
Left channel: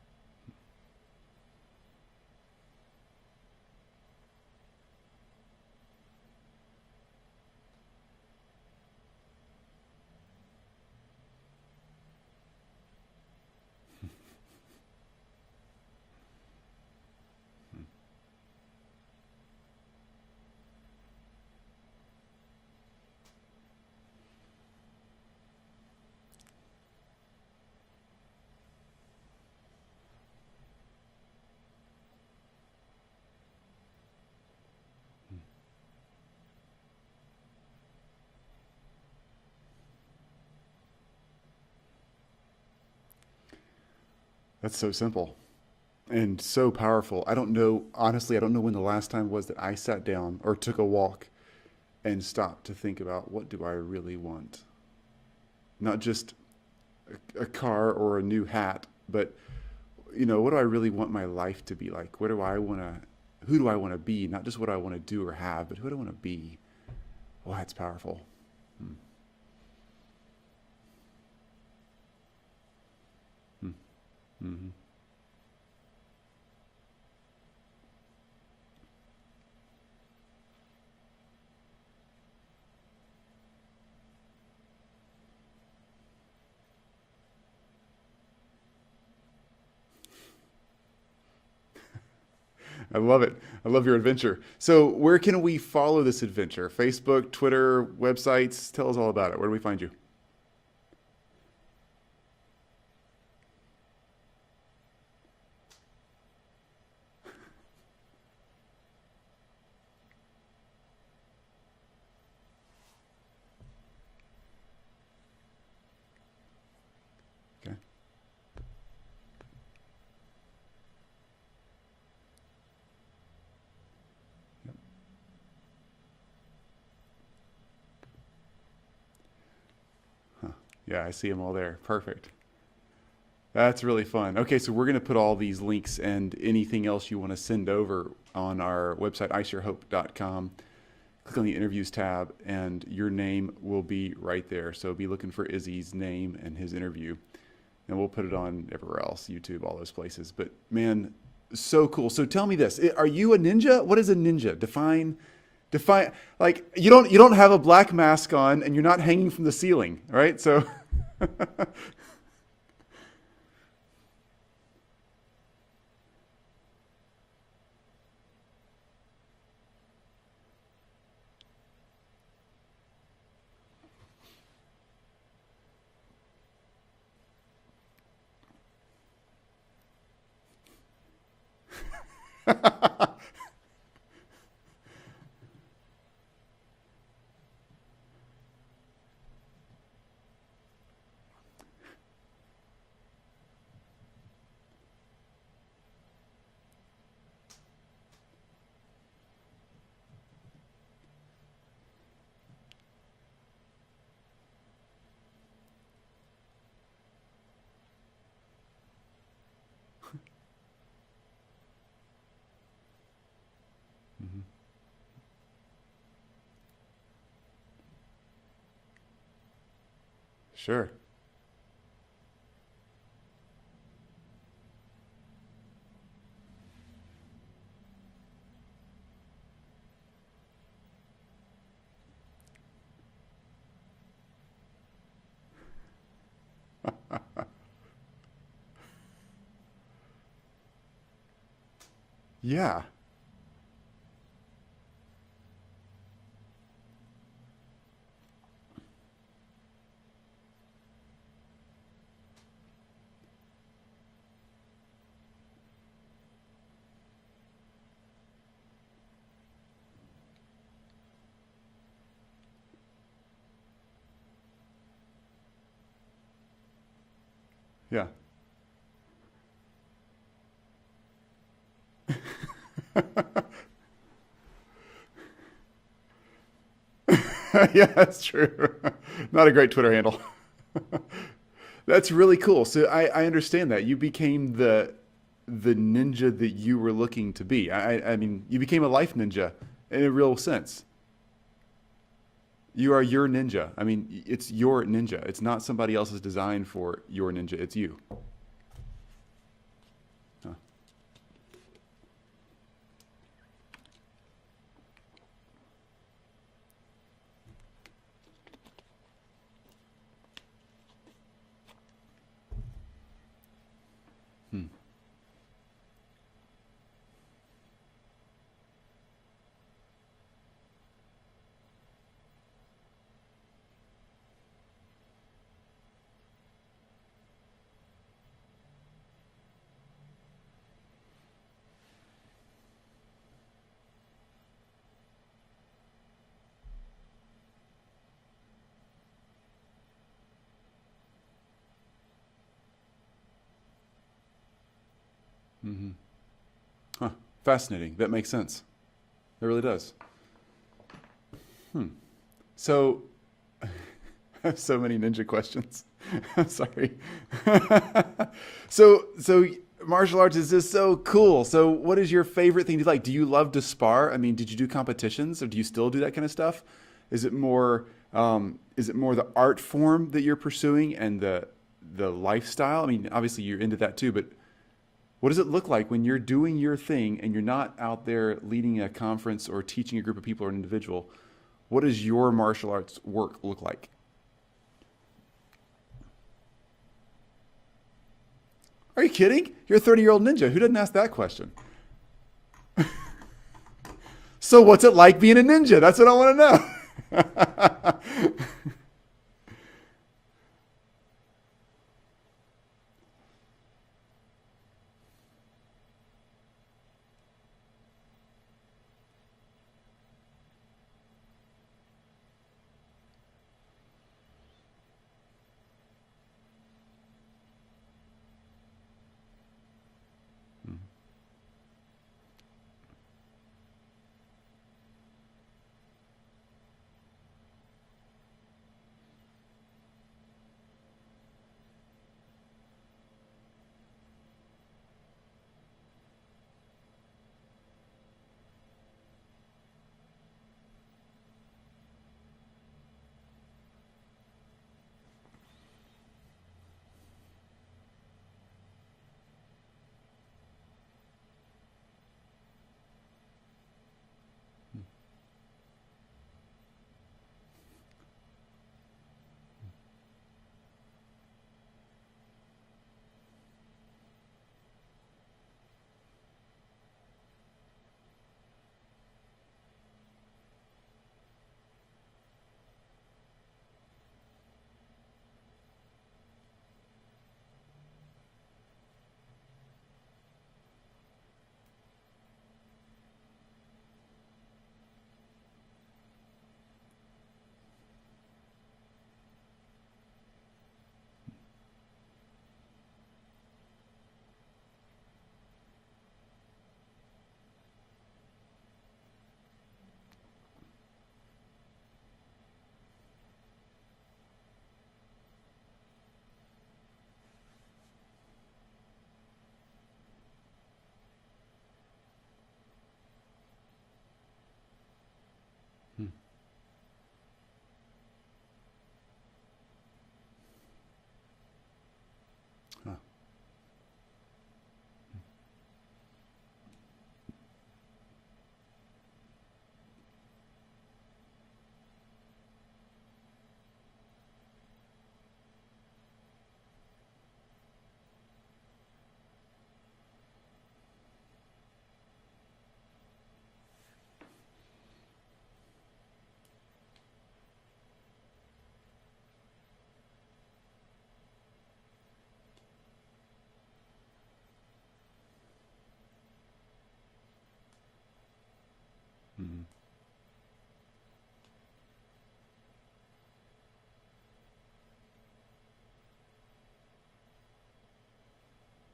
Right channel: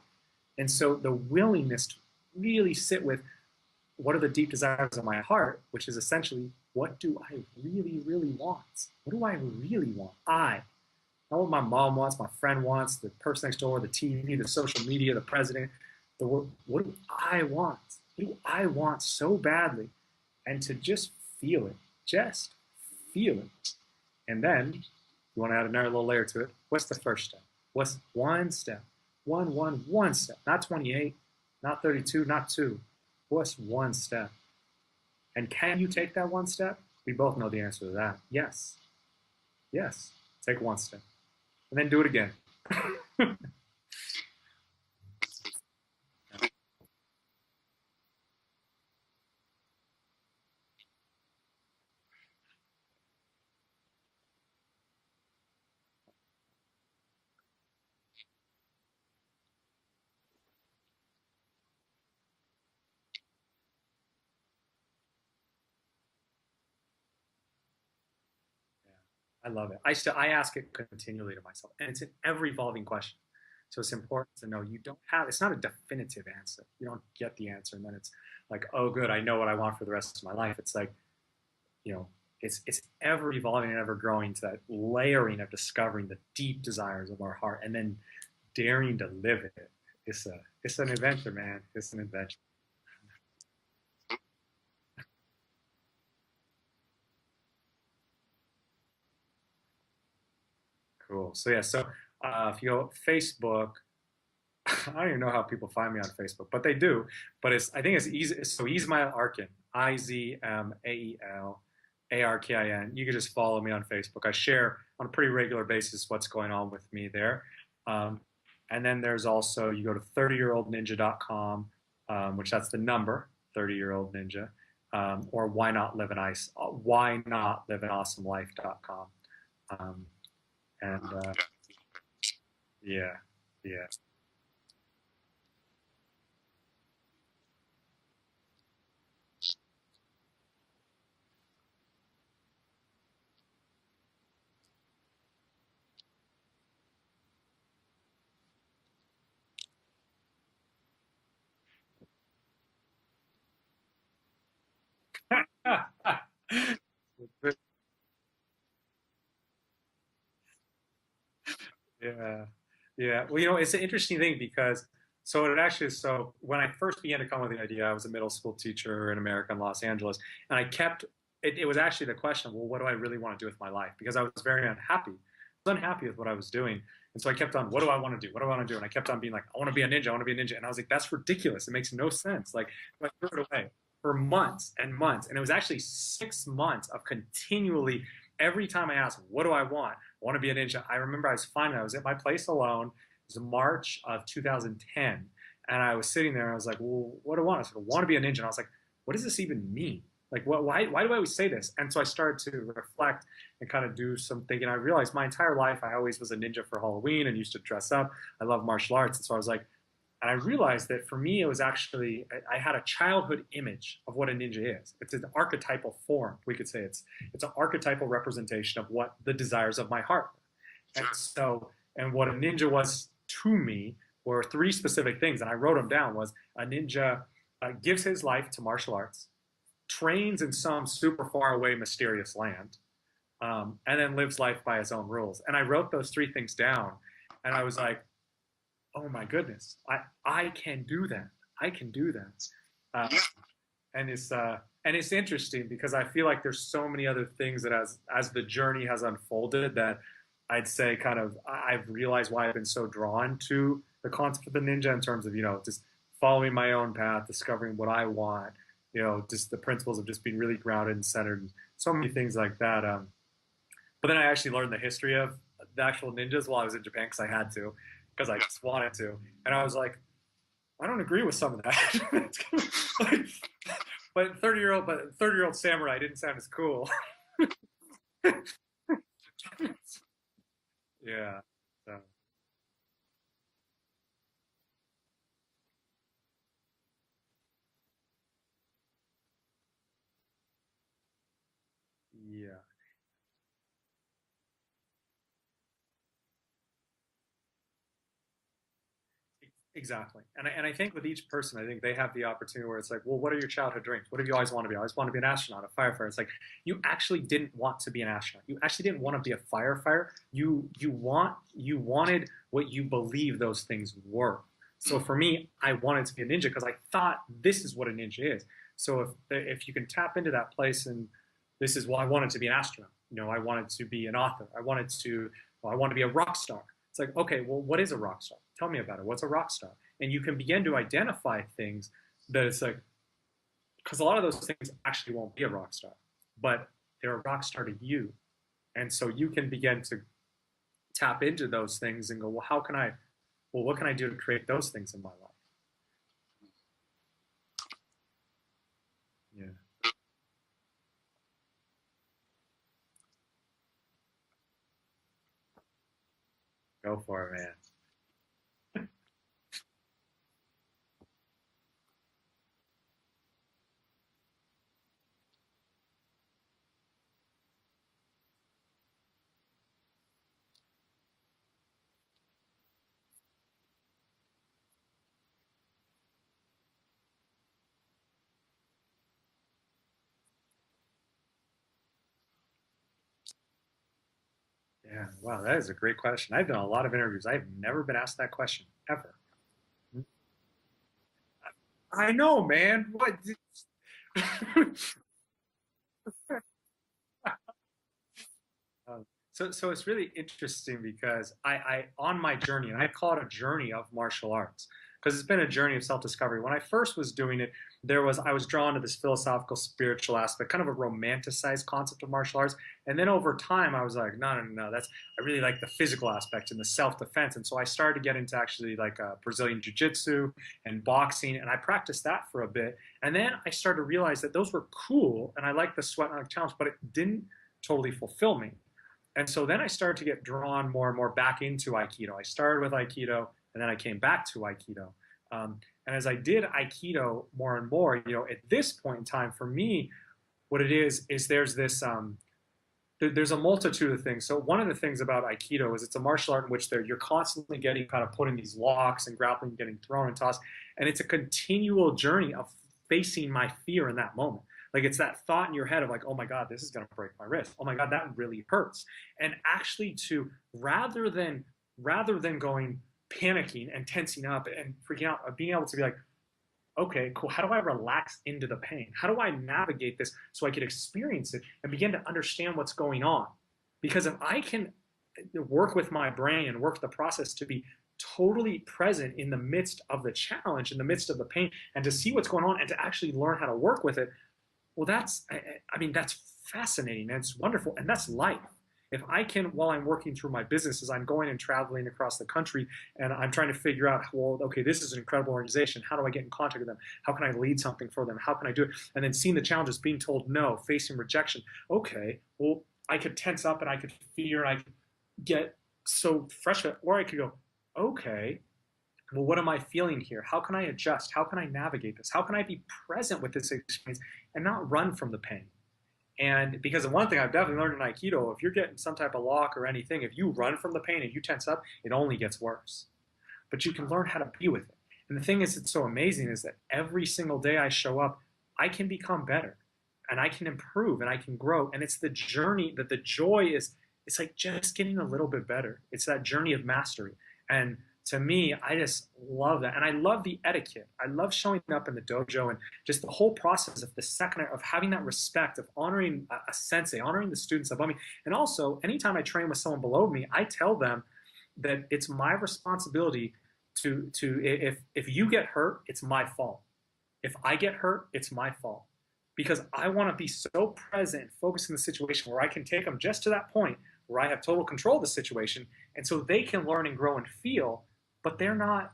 And so the willingness to really sit with, what are the deep desires of my heart, which is essentially, what do I really, really want? What do I really want? Not what my mom wants, my friend wants, the person next door, the TV, the social media, the president, the world. What do I want? What do I want so badly? And to just feel it. Just feel it. And then, you want to add another little layer to it. What's the first step? What's one step? One step. Not 28, not 32, not 2. What's one step? And can you take that one step? We both know the answer to that. Yes. Yes. Take one step. and then do it again. That's so simple and so powerful. I don't know, honestly, I don't know when the last time was that I sat down or took a walk and stopped to think about, what do I really want? Not just a car or a new hat, but what do I really want my life to be like? Who do I want to be? Not just what I want to do or have, but who do I want to be? Well, that's powerful. I love it. I ask it continually to myself, and it's an ever evolving question. So it's important to know it's not a definitive answer. You don't get the answer and then it's like, oh, good, I know what I want for the rest of my life. It's like, it's ever evolving and ever growing to that layering of discovering the deep desires of our heart and then daring to live it. It's an adventure, man. It's an adventure. I love it. I love your adventure. So where can we follow this adventure? Facebook, Twitter, websites? Tell us all about it. Where do we find you? Cool. So if you go Facebook, I don't even know how people find me on Facebook, but they do. But I think it's easy. So Izzy Arkin, IZMAEL ARKIN. You can just follow me on Facebook. I share on a pretty regular basis what's going on with me there. Okay. And then there's also, you go to 30yearoldninja.com, which that's the number, 30yearoldninja, or why not live an awesome life.com. Yeah, I see them all there. Perfect. Yeah. That's really fun. Okay, so we're going to put all these links and anything else you want to send over on our website, isharehope.com. Click on the interviews tab, and your name will be right there. So be looking for Izzy's name and his interview, and we'll put it on everywhere else, YouTube, all those places. But man, so cool. So tell me this: are you a ninja? What is a ninja? Define. Like you don't have a black mask on, and you're not hanging from the ceiling, right? So. Yeah. Well, it's an interesting thing because so when I first began to come up with the idea, I was a middle school teacher in America in Los Angeles, and it was actually the question, well, what do I really want to do with my life? Because I was very unhappy. I was unhappy with what I was doing. And so I kept on, what do I want to do? What do I want to do? And I kept on being like, I want to be a ninja. I want to be a ninja. And I was like, that's ridiculous. It makes no sense. Like, I threw it away for months and months. And it was actually 6 months of continually, every time I asked, what do I want? I want to be a ninja. I remember I was at my place alone. It was March of 2010. And I was sitting there and I was like, well, what do I want? I said, I want to be a ninja. And I was like, what does this even mean? Like, why do I always say this? And so I started to reflect and kind of do some thinking. I realized my entire life I always was a ninja for Halloween and used to dress up. I love martial arts. And so I was like, and I realized that for me, it was actually, I had a childhood image of what a ninja is. It's an archetypal form. We could say it's an archetypal representation of what the desires of my heart. Sure. And what a ninja was to me were 3 specific things. And I wrote them down. Was a ninja gives his life to martial arts, trains in some super far away mysterious land, and then lives life by his own rules. And I wrote those 3 things down, and I was like, oh my goodness, I can do that. I can do that. Yeah. And it's interesting because I feel like there's so many other things that as the journey has unfolded that I'd say kind of I've realized why I've been so drawn to the concept of the ninja in terms of, just following my own path, discovering what I want, just the principles of just being really grounded and centered, and so many things like that. But then I actually learned the history of the actual ninjas while I was in Japan because I had to, because I just wanted to. And I was like, I don't agree with some of that. But 30-year-old samurai didn't sound as cool. Yeah, that's true. Not a great Twitter handle. Yeah. That's really cool. So I understand that. You became the ninja that you were looking to be. I mean, you became a life ninja in a real sense. Yeah. You are your ninja. I mean, it's your ninja. It's not somebody else's design for your ninja. It's you. Exactly. And I think with each person, I think they have the opportunity where it's like, well, what are your childhood dreams? What do you always want to be? I always want to be an astronaut, a firefighter. It's like, you actually didn't want to be an astronaut. You actually didn't want to be a firefighter. You wanted what you believe those things were. So for me, I wanted to be a ninja because I thought this is what a ninja is. So if you can tap into that place, and this is, well, I wanted to be an astronaut. I wanted to be an author. I wanted to be a rock star. It's like, okay, well, what is a rock star? Tell me about it. What's a rock star? And you can begin to identify things that it's like, because a lot of those things actually won't be a rock star, but they're a rock star to you. And so you can begin to tap into those things and go, what can I do to create those things in my life? Mm-hmm. Huh. Fascinating. That makes sense. It really does. So, I have so many ninja questions. I'm sorry. Go for it, man. So martial arts is just so cool. So what is your favorite thing to like? Do you love to spar? I mean, did you do competitions or do you still do that kind of stuff? Is it more the art form that you're pursuing and the lifestyle? I mean, obviously you're into that too, but what does it look like when you're doing your thing and you're not out there leading a conference or teaching a group of people or an individual? What does your martial arts work look like? Yeah, wow, that is a great question. I've done a lot of interviews. I've never been asked that question Are ever. you kidding? You're a 30-year-old ninja. Who doesn't ask that question? I know, man. What? So what's it like being a ninja? That's what I want to know. So it's really interesting because I on my journey, and I call it a journey of martial arts, because it's been a journey of self-discovery. When I first was doing it, I was drawn to this philosophical, spiritual aspect, kind of a romanticized concept of martial arts. And then over time, I was like, no, I really like the physical aspect and the self-defense. And so I started to get into actually like Brazilian jiu-jitsu and boxing, and I practiced that for a bit. And then I started to realize that those were cool, and I liked the sweat and challenge, but it didn't totally fulfill me. And so then I started to get drawn more and more back into Aikido. I started with Aikido, and then I came back to Aikido. And as I did Aikido more and more, at this point in time, for me, what it is there's this, there's a multitude of things. So one of the things about Aikido is it's a martial art in which you're constantly getting kind of put in these locks and grappling, getting thrown and tossed. And it's a continual journey of facing my fear in that moment. Like it's that thought in your head of like, oh my God, this is going to break my wrist. Oh my God, that really hurts. And actually rather than going panicking and tensing up and freaking out, of being able to be like, okay, cool. How do I relax into the pain? How do I navigate this so I can experience it and begin to understand what's going on? Because if I can work with my brain and work the process to be totally present in the midst of the challenge, in the midst of the pain, and to see what's going on and to actually learn how to work with it, well, that's fascinating and it's wonderful. And that's life. If I can, while I'm working through my business, as I'm going and traveling across the country and I'm trying to figure out, well, okay, this is an incredible organization. How do I get in contact with them? How can I lead something for them? How can I do it? And then seeing the challenges, being told no, facing rejection. Okay, well, I could tense up and I could fear and I could get so frustrated. Or I could go, okay, well, what am I feeling here? How can I adjust? How can I navigate this? How can I be present with this experience and not run from the pain? And because of one thing I've definitely learned in Aikido, if you're getting some type of lock or anything, if you run from the pain and you tense up, it only gets worse. But you can learn how to be with it. And the thing is, it's so amazing is that every single day I show up, I can become better and I can improve and I can grow. And it's the journey that the joy is, it's like just getting a little bit better. It's that journey of mastery. And to me, I just love that. And I love the etiquette. I love showing up in the dojo and just the whole process of the second, of having that respect, of honoring a sensei, honoring the students above me. And also, anytime I train with someone below me, I tell them that it's my responsibility to if you get hurt, it's my fault. If I get hurt, it's my fault. Because I want to be so present and focused in the situation where I can take them just to that point where I have total control of the situation. And so they can learn and grow and feel, but they're not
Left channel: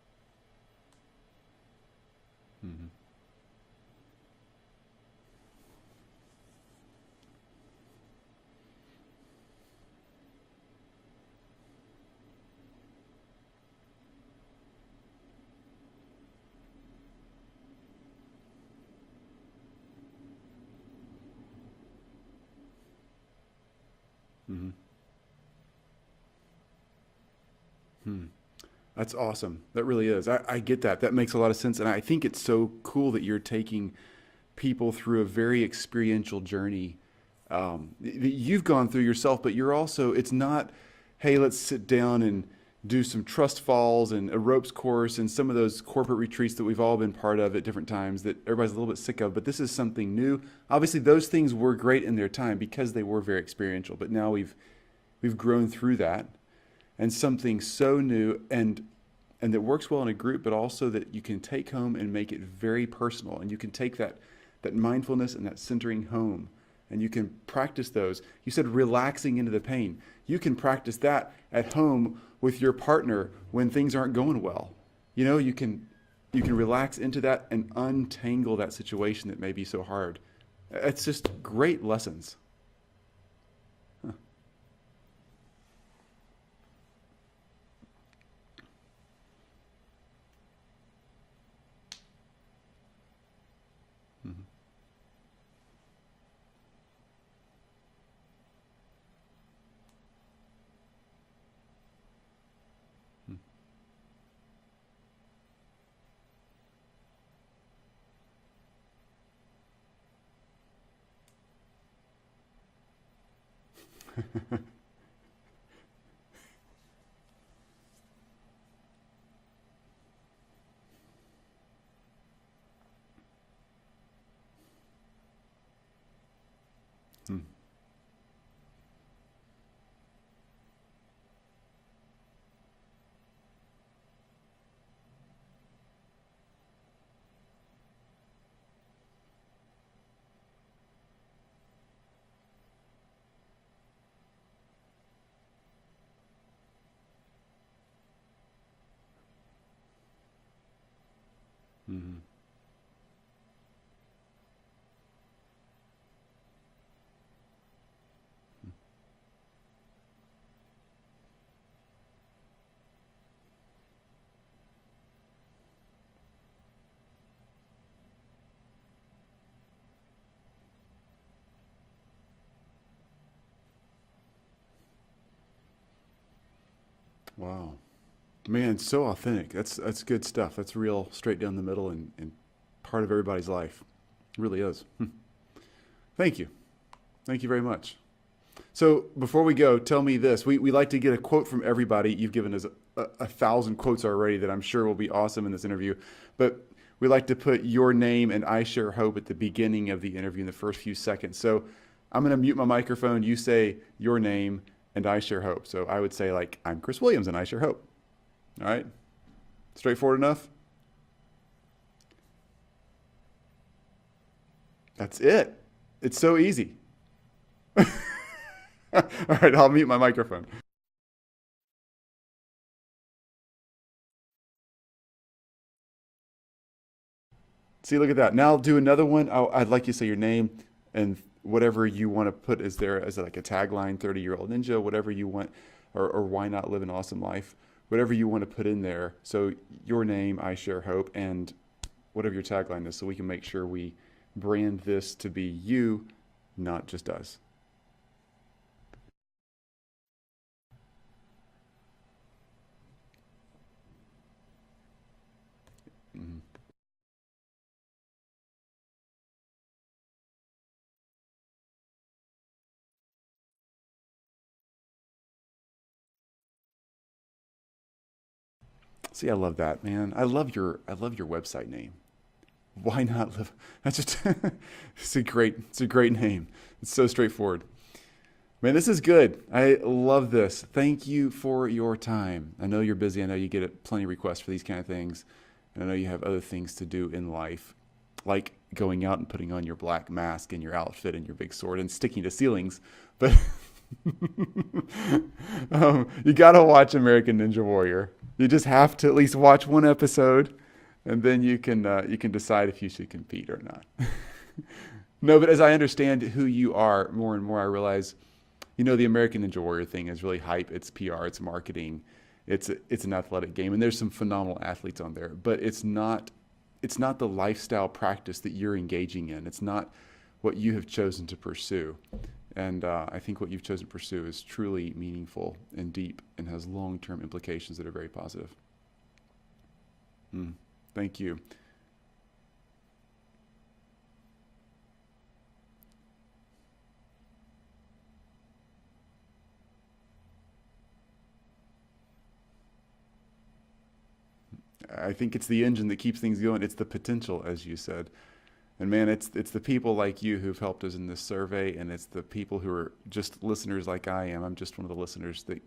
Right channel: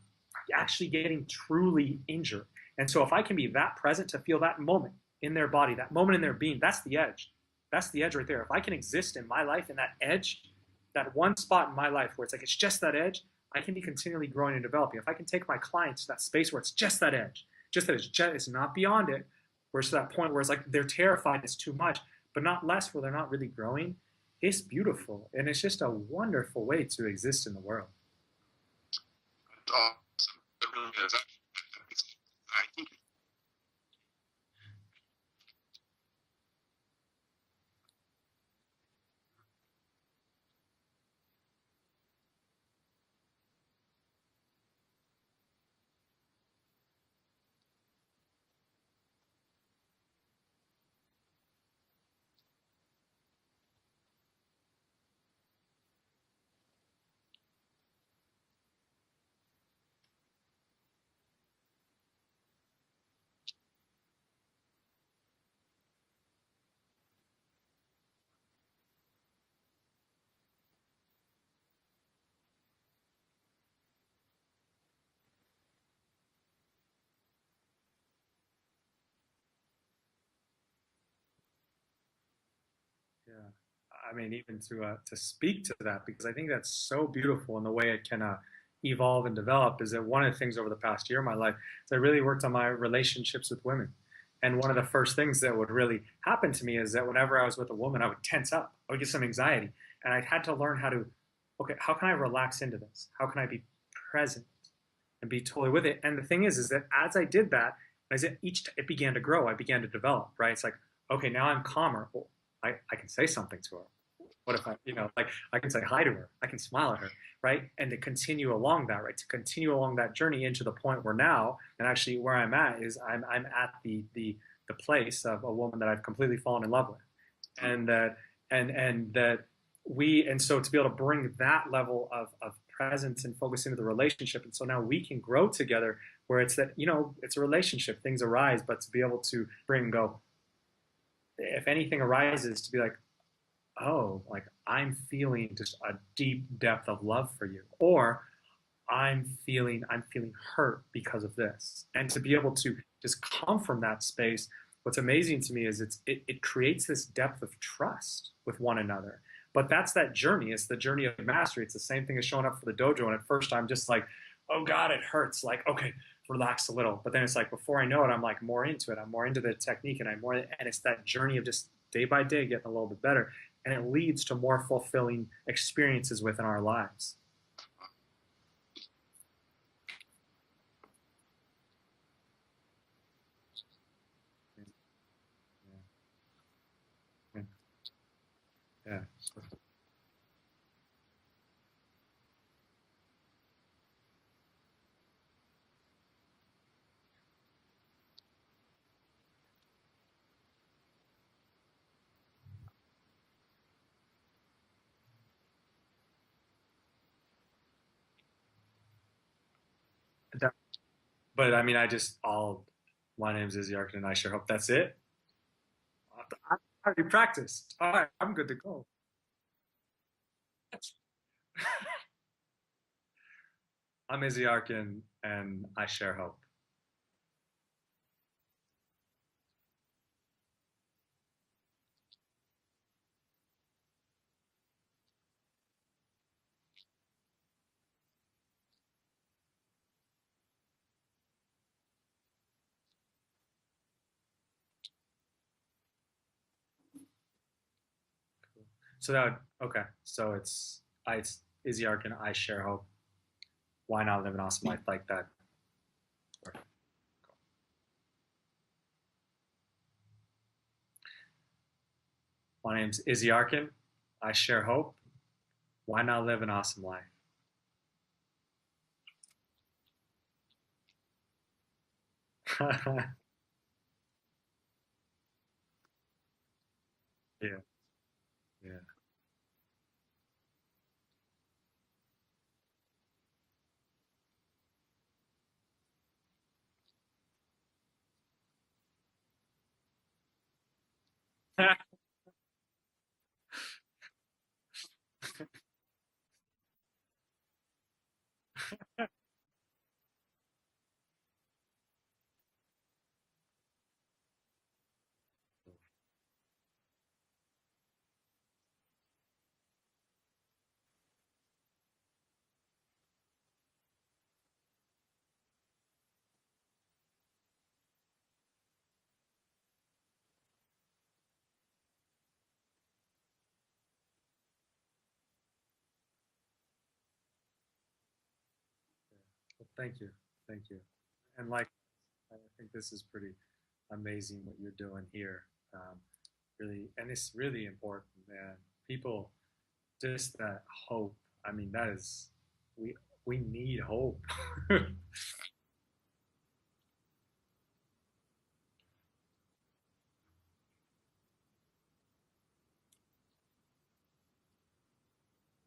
actually getting truly injured. And so if I can be that present to feel that moment in their body, that moment in their being, that's the edge. That's the edge right there. If I can exist in my life in that edge, that one spot in my life where it's like it's just that edge, I can be continually growing and developing. If I can take my clients to that space where it's just that edge, it's not beyond it, where it's to that point where it's like they're terrified, it's too much, but not less where they're not really growing, it's beautiful. And it's just a wonderful way to exist in the world. That's awesome. That really is. I get that. That makes a lot of sense. And I think it's so cool that you're taking people through a very experiential journey that you've gone through yourself, but you're also, it's not, hey, let's sit down and do some trust falls and a ropes course and some of those corporate retreats that we've all been part of at different times that everybody's a little bit sick of, but this is something new. Obviously those things were great in their time because they were very experiential, but now we've grown through that. And something so new and that works well in a group, but also that you can take home and make it very personal. And you can take that mindfulness and that centering home and you can practice those. You said relaxing into the pain. You can practice that at home with your partner when things aren't going well. You know, you can relax into that and untangle that situation that may be so hard. It's just great lessons. Yeah, I mean, even to speak to that, because I think that's so beautiful in the way it can evolve and develop. Is that one of the things over the past year of my life is I really worked on my relationships with women. And one of the first things that would really happen to me is that whenever I was with a woman, I would tense up. I would get some anxiety. And I had to learn how to, okay, how can I relax into this? How can I be present and be totally with it? And the thing is that as I did that, as it began to grow, I began to develop, right? It's like, okay, now I'm calmer. Well, I can say something to her. What if I can say hi to her. I can smile at her, right? And to continue along that, right? To continue along that journey into the point where now, and actually where I'm at is I'm at the place of a woman that I've completely fallen in love with. And so to be able to bring that level of presence and focus into the relationship. And so now we can grow together where it's that, it's a relationship, things arise, but to be able to bring and go, if anything arises, to be like, oh, like I'm feeling just a deep depth of love for you, or I'm feeling hurt because of this. And to be able to just come from that space, what's amazing to me is it creates this depth of trust with one another. But that's that journey. It's the journey of mastery. It's the same thing as showing up for the dojo. And at first I'm just like, oh God, it hurts. Like, okay, relax a little. But then it's like, before I know it, I'm like more into it. I'm more into the technique, and and it's that journey of just day by day getting a little bit better. And it leads to more fulfilling experiences within our lives. Wow. Man, so authentic. That's good stuff. That's real straight down the middle and part of everybody's life. It really is. Thank you. Thank you very much. So before we go, tell me this. We like to get a quote from everybody. You've given us 1,000 quotes already that I'm sure will be awesome in this interview. But we like to put your name and I Share Hope at the beginning of the interview in the first few seconds. So I'm going to mute my microphone. You say your name and I Share Hope. So I would say, like, I'm Chris Williams and I Share Hope. All right? Straightforward enough? Yeah. But I mean, my name's Izzy Arkin and I Share Hope. That's it? That's it. It's so easy. I already practiced. All right, I'm good to go. All right, I'll mute my microphone. I'm Izzy Arkin and I Share Hope. See, look at that. Now I'll do another one. I'd like you to say your name and whatever you want to put as like a tagline, 30-year-old ninja, whatever you want, or why not live an awesome life, whatever you want to put in there. So your name, I Share Hope, and whatever your tagline is, so we can make sure we brand this to be you, not just us. So it's Izzy Arkin, I Share Hope. Why not live an awesome life like that? Mm-hmm. My name's Izzy Arkin. I Share Hope. Why not live an awesome life? See, I love that, man. I love your website name. Why not live? That's just it's a great name. It's so straightforward. Man, this is good. I love this. Thank you for your time. I know you're busy. I know you get plenty of requests for these kind of things. And I know you have other things to do in life, like going out and putting on your black mask and your outfit and your big sword and sticking to ceilings. But you got to watch American Ninja Warrior. You just have to at least watch one episode, and then you can decide if you should compete or not. No, but as I understand who you are more and more, I realize, the American Ninja Warrior thing is really hype. It's PR, it's marketing, it's an athletic game, and there's some phenomenal athletes on there. But it's not the lifestyle practice that you're engaging in. It's not what you have chosen to pursue. And I think what you've chosen to pursue is truly meaningful and deep and has long-term implications that are very positive. Thank you. Thank you. Thank you. And I think this is pretty amazing what you're doing here. Really, and it's really important, man. People, just that hope. I mean, that is, we need hope. I think it's the engine that keeps things going. It's the potential, as you said. And man, it's the people like you who've helped us in this survey, and it's the people who are just listeners like I am. I'm just one of the listeners that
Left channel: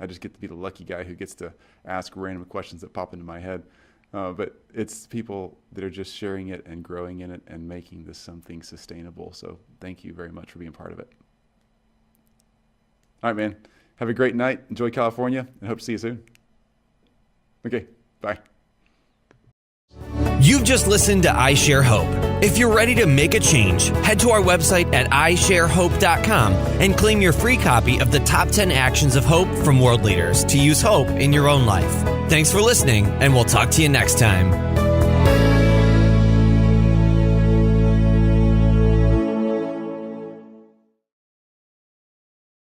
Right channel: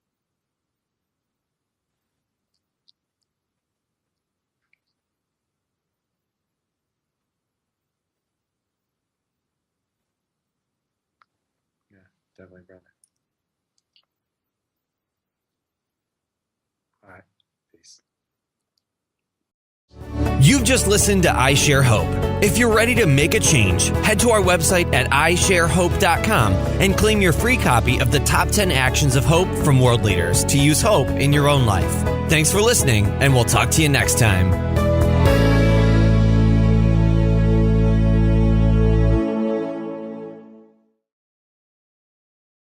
I just get to be the lucky guy who gets to ask random questions that pop into my head. But it's people that are just sharing it and growing in it and making this something sustainable. So thank you very much for being part of it. Yeah, definitely, brother. All right, man. Have a great night. Enjoy California, and hope to see you soon. All right. Okay, bye. You've just listened to I Share Hope. If you're ready to make a change, head to our website at isharehope.com and claim your free copy of the Top 10 Actions of Hope from World Leaders to use hope in your own life. Thanks for listening, and we'll talk to you next time.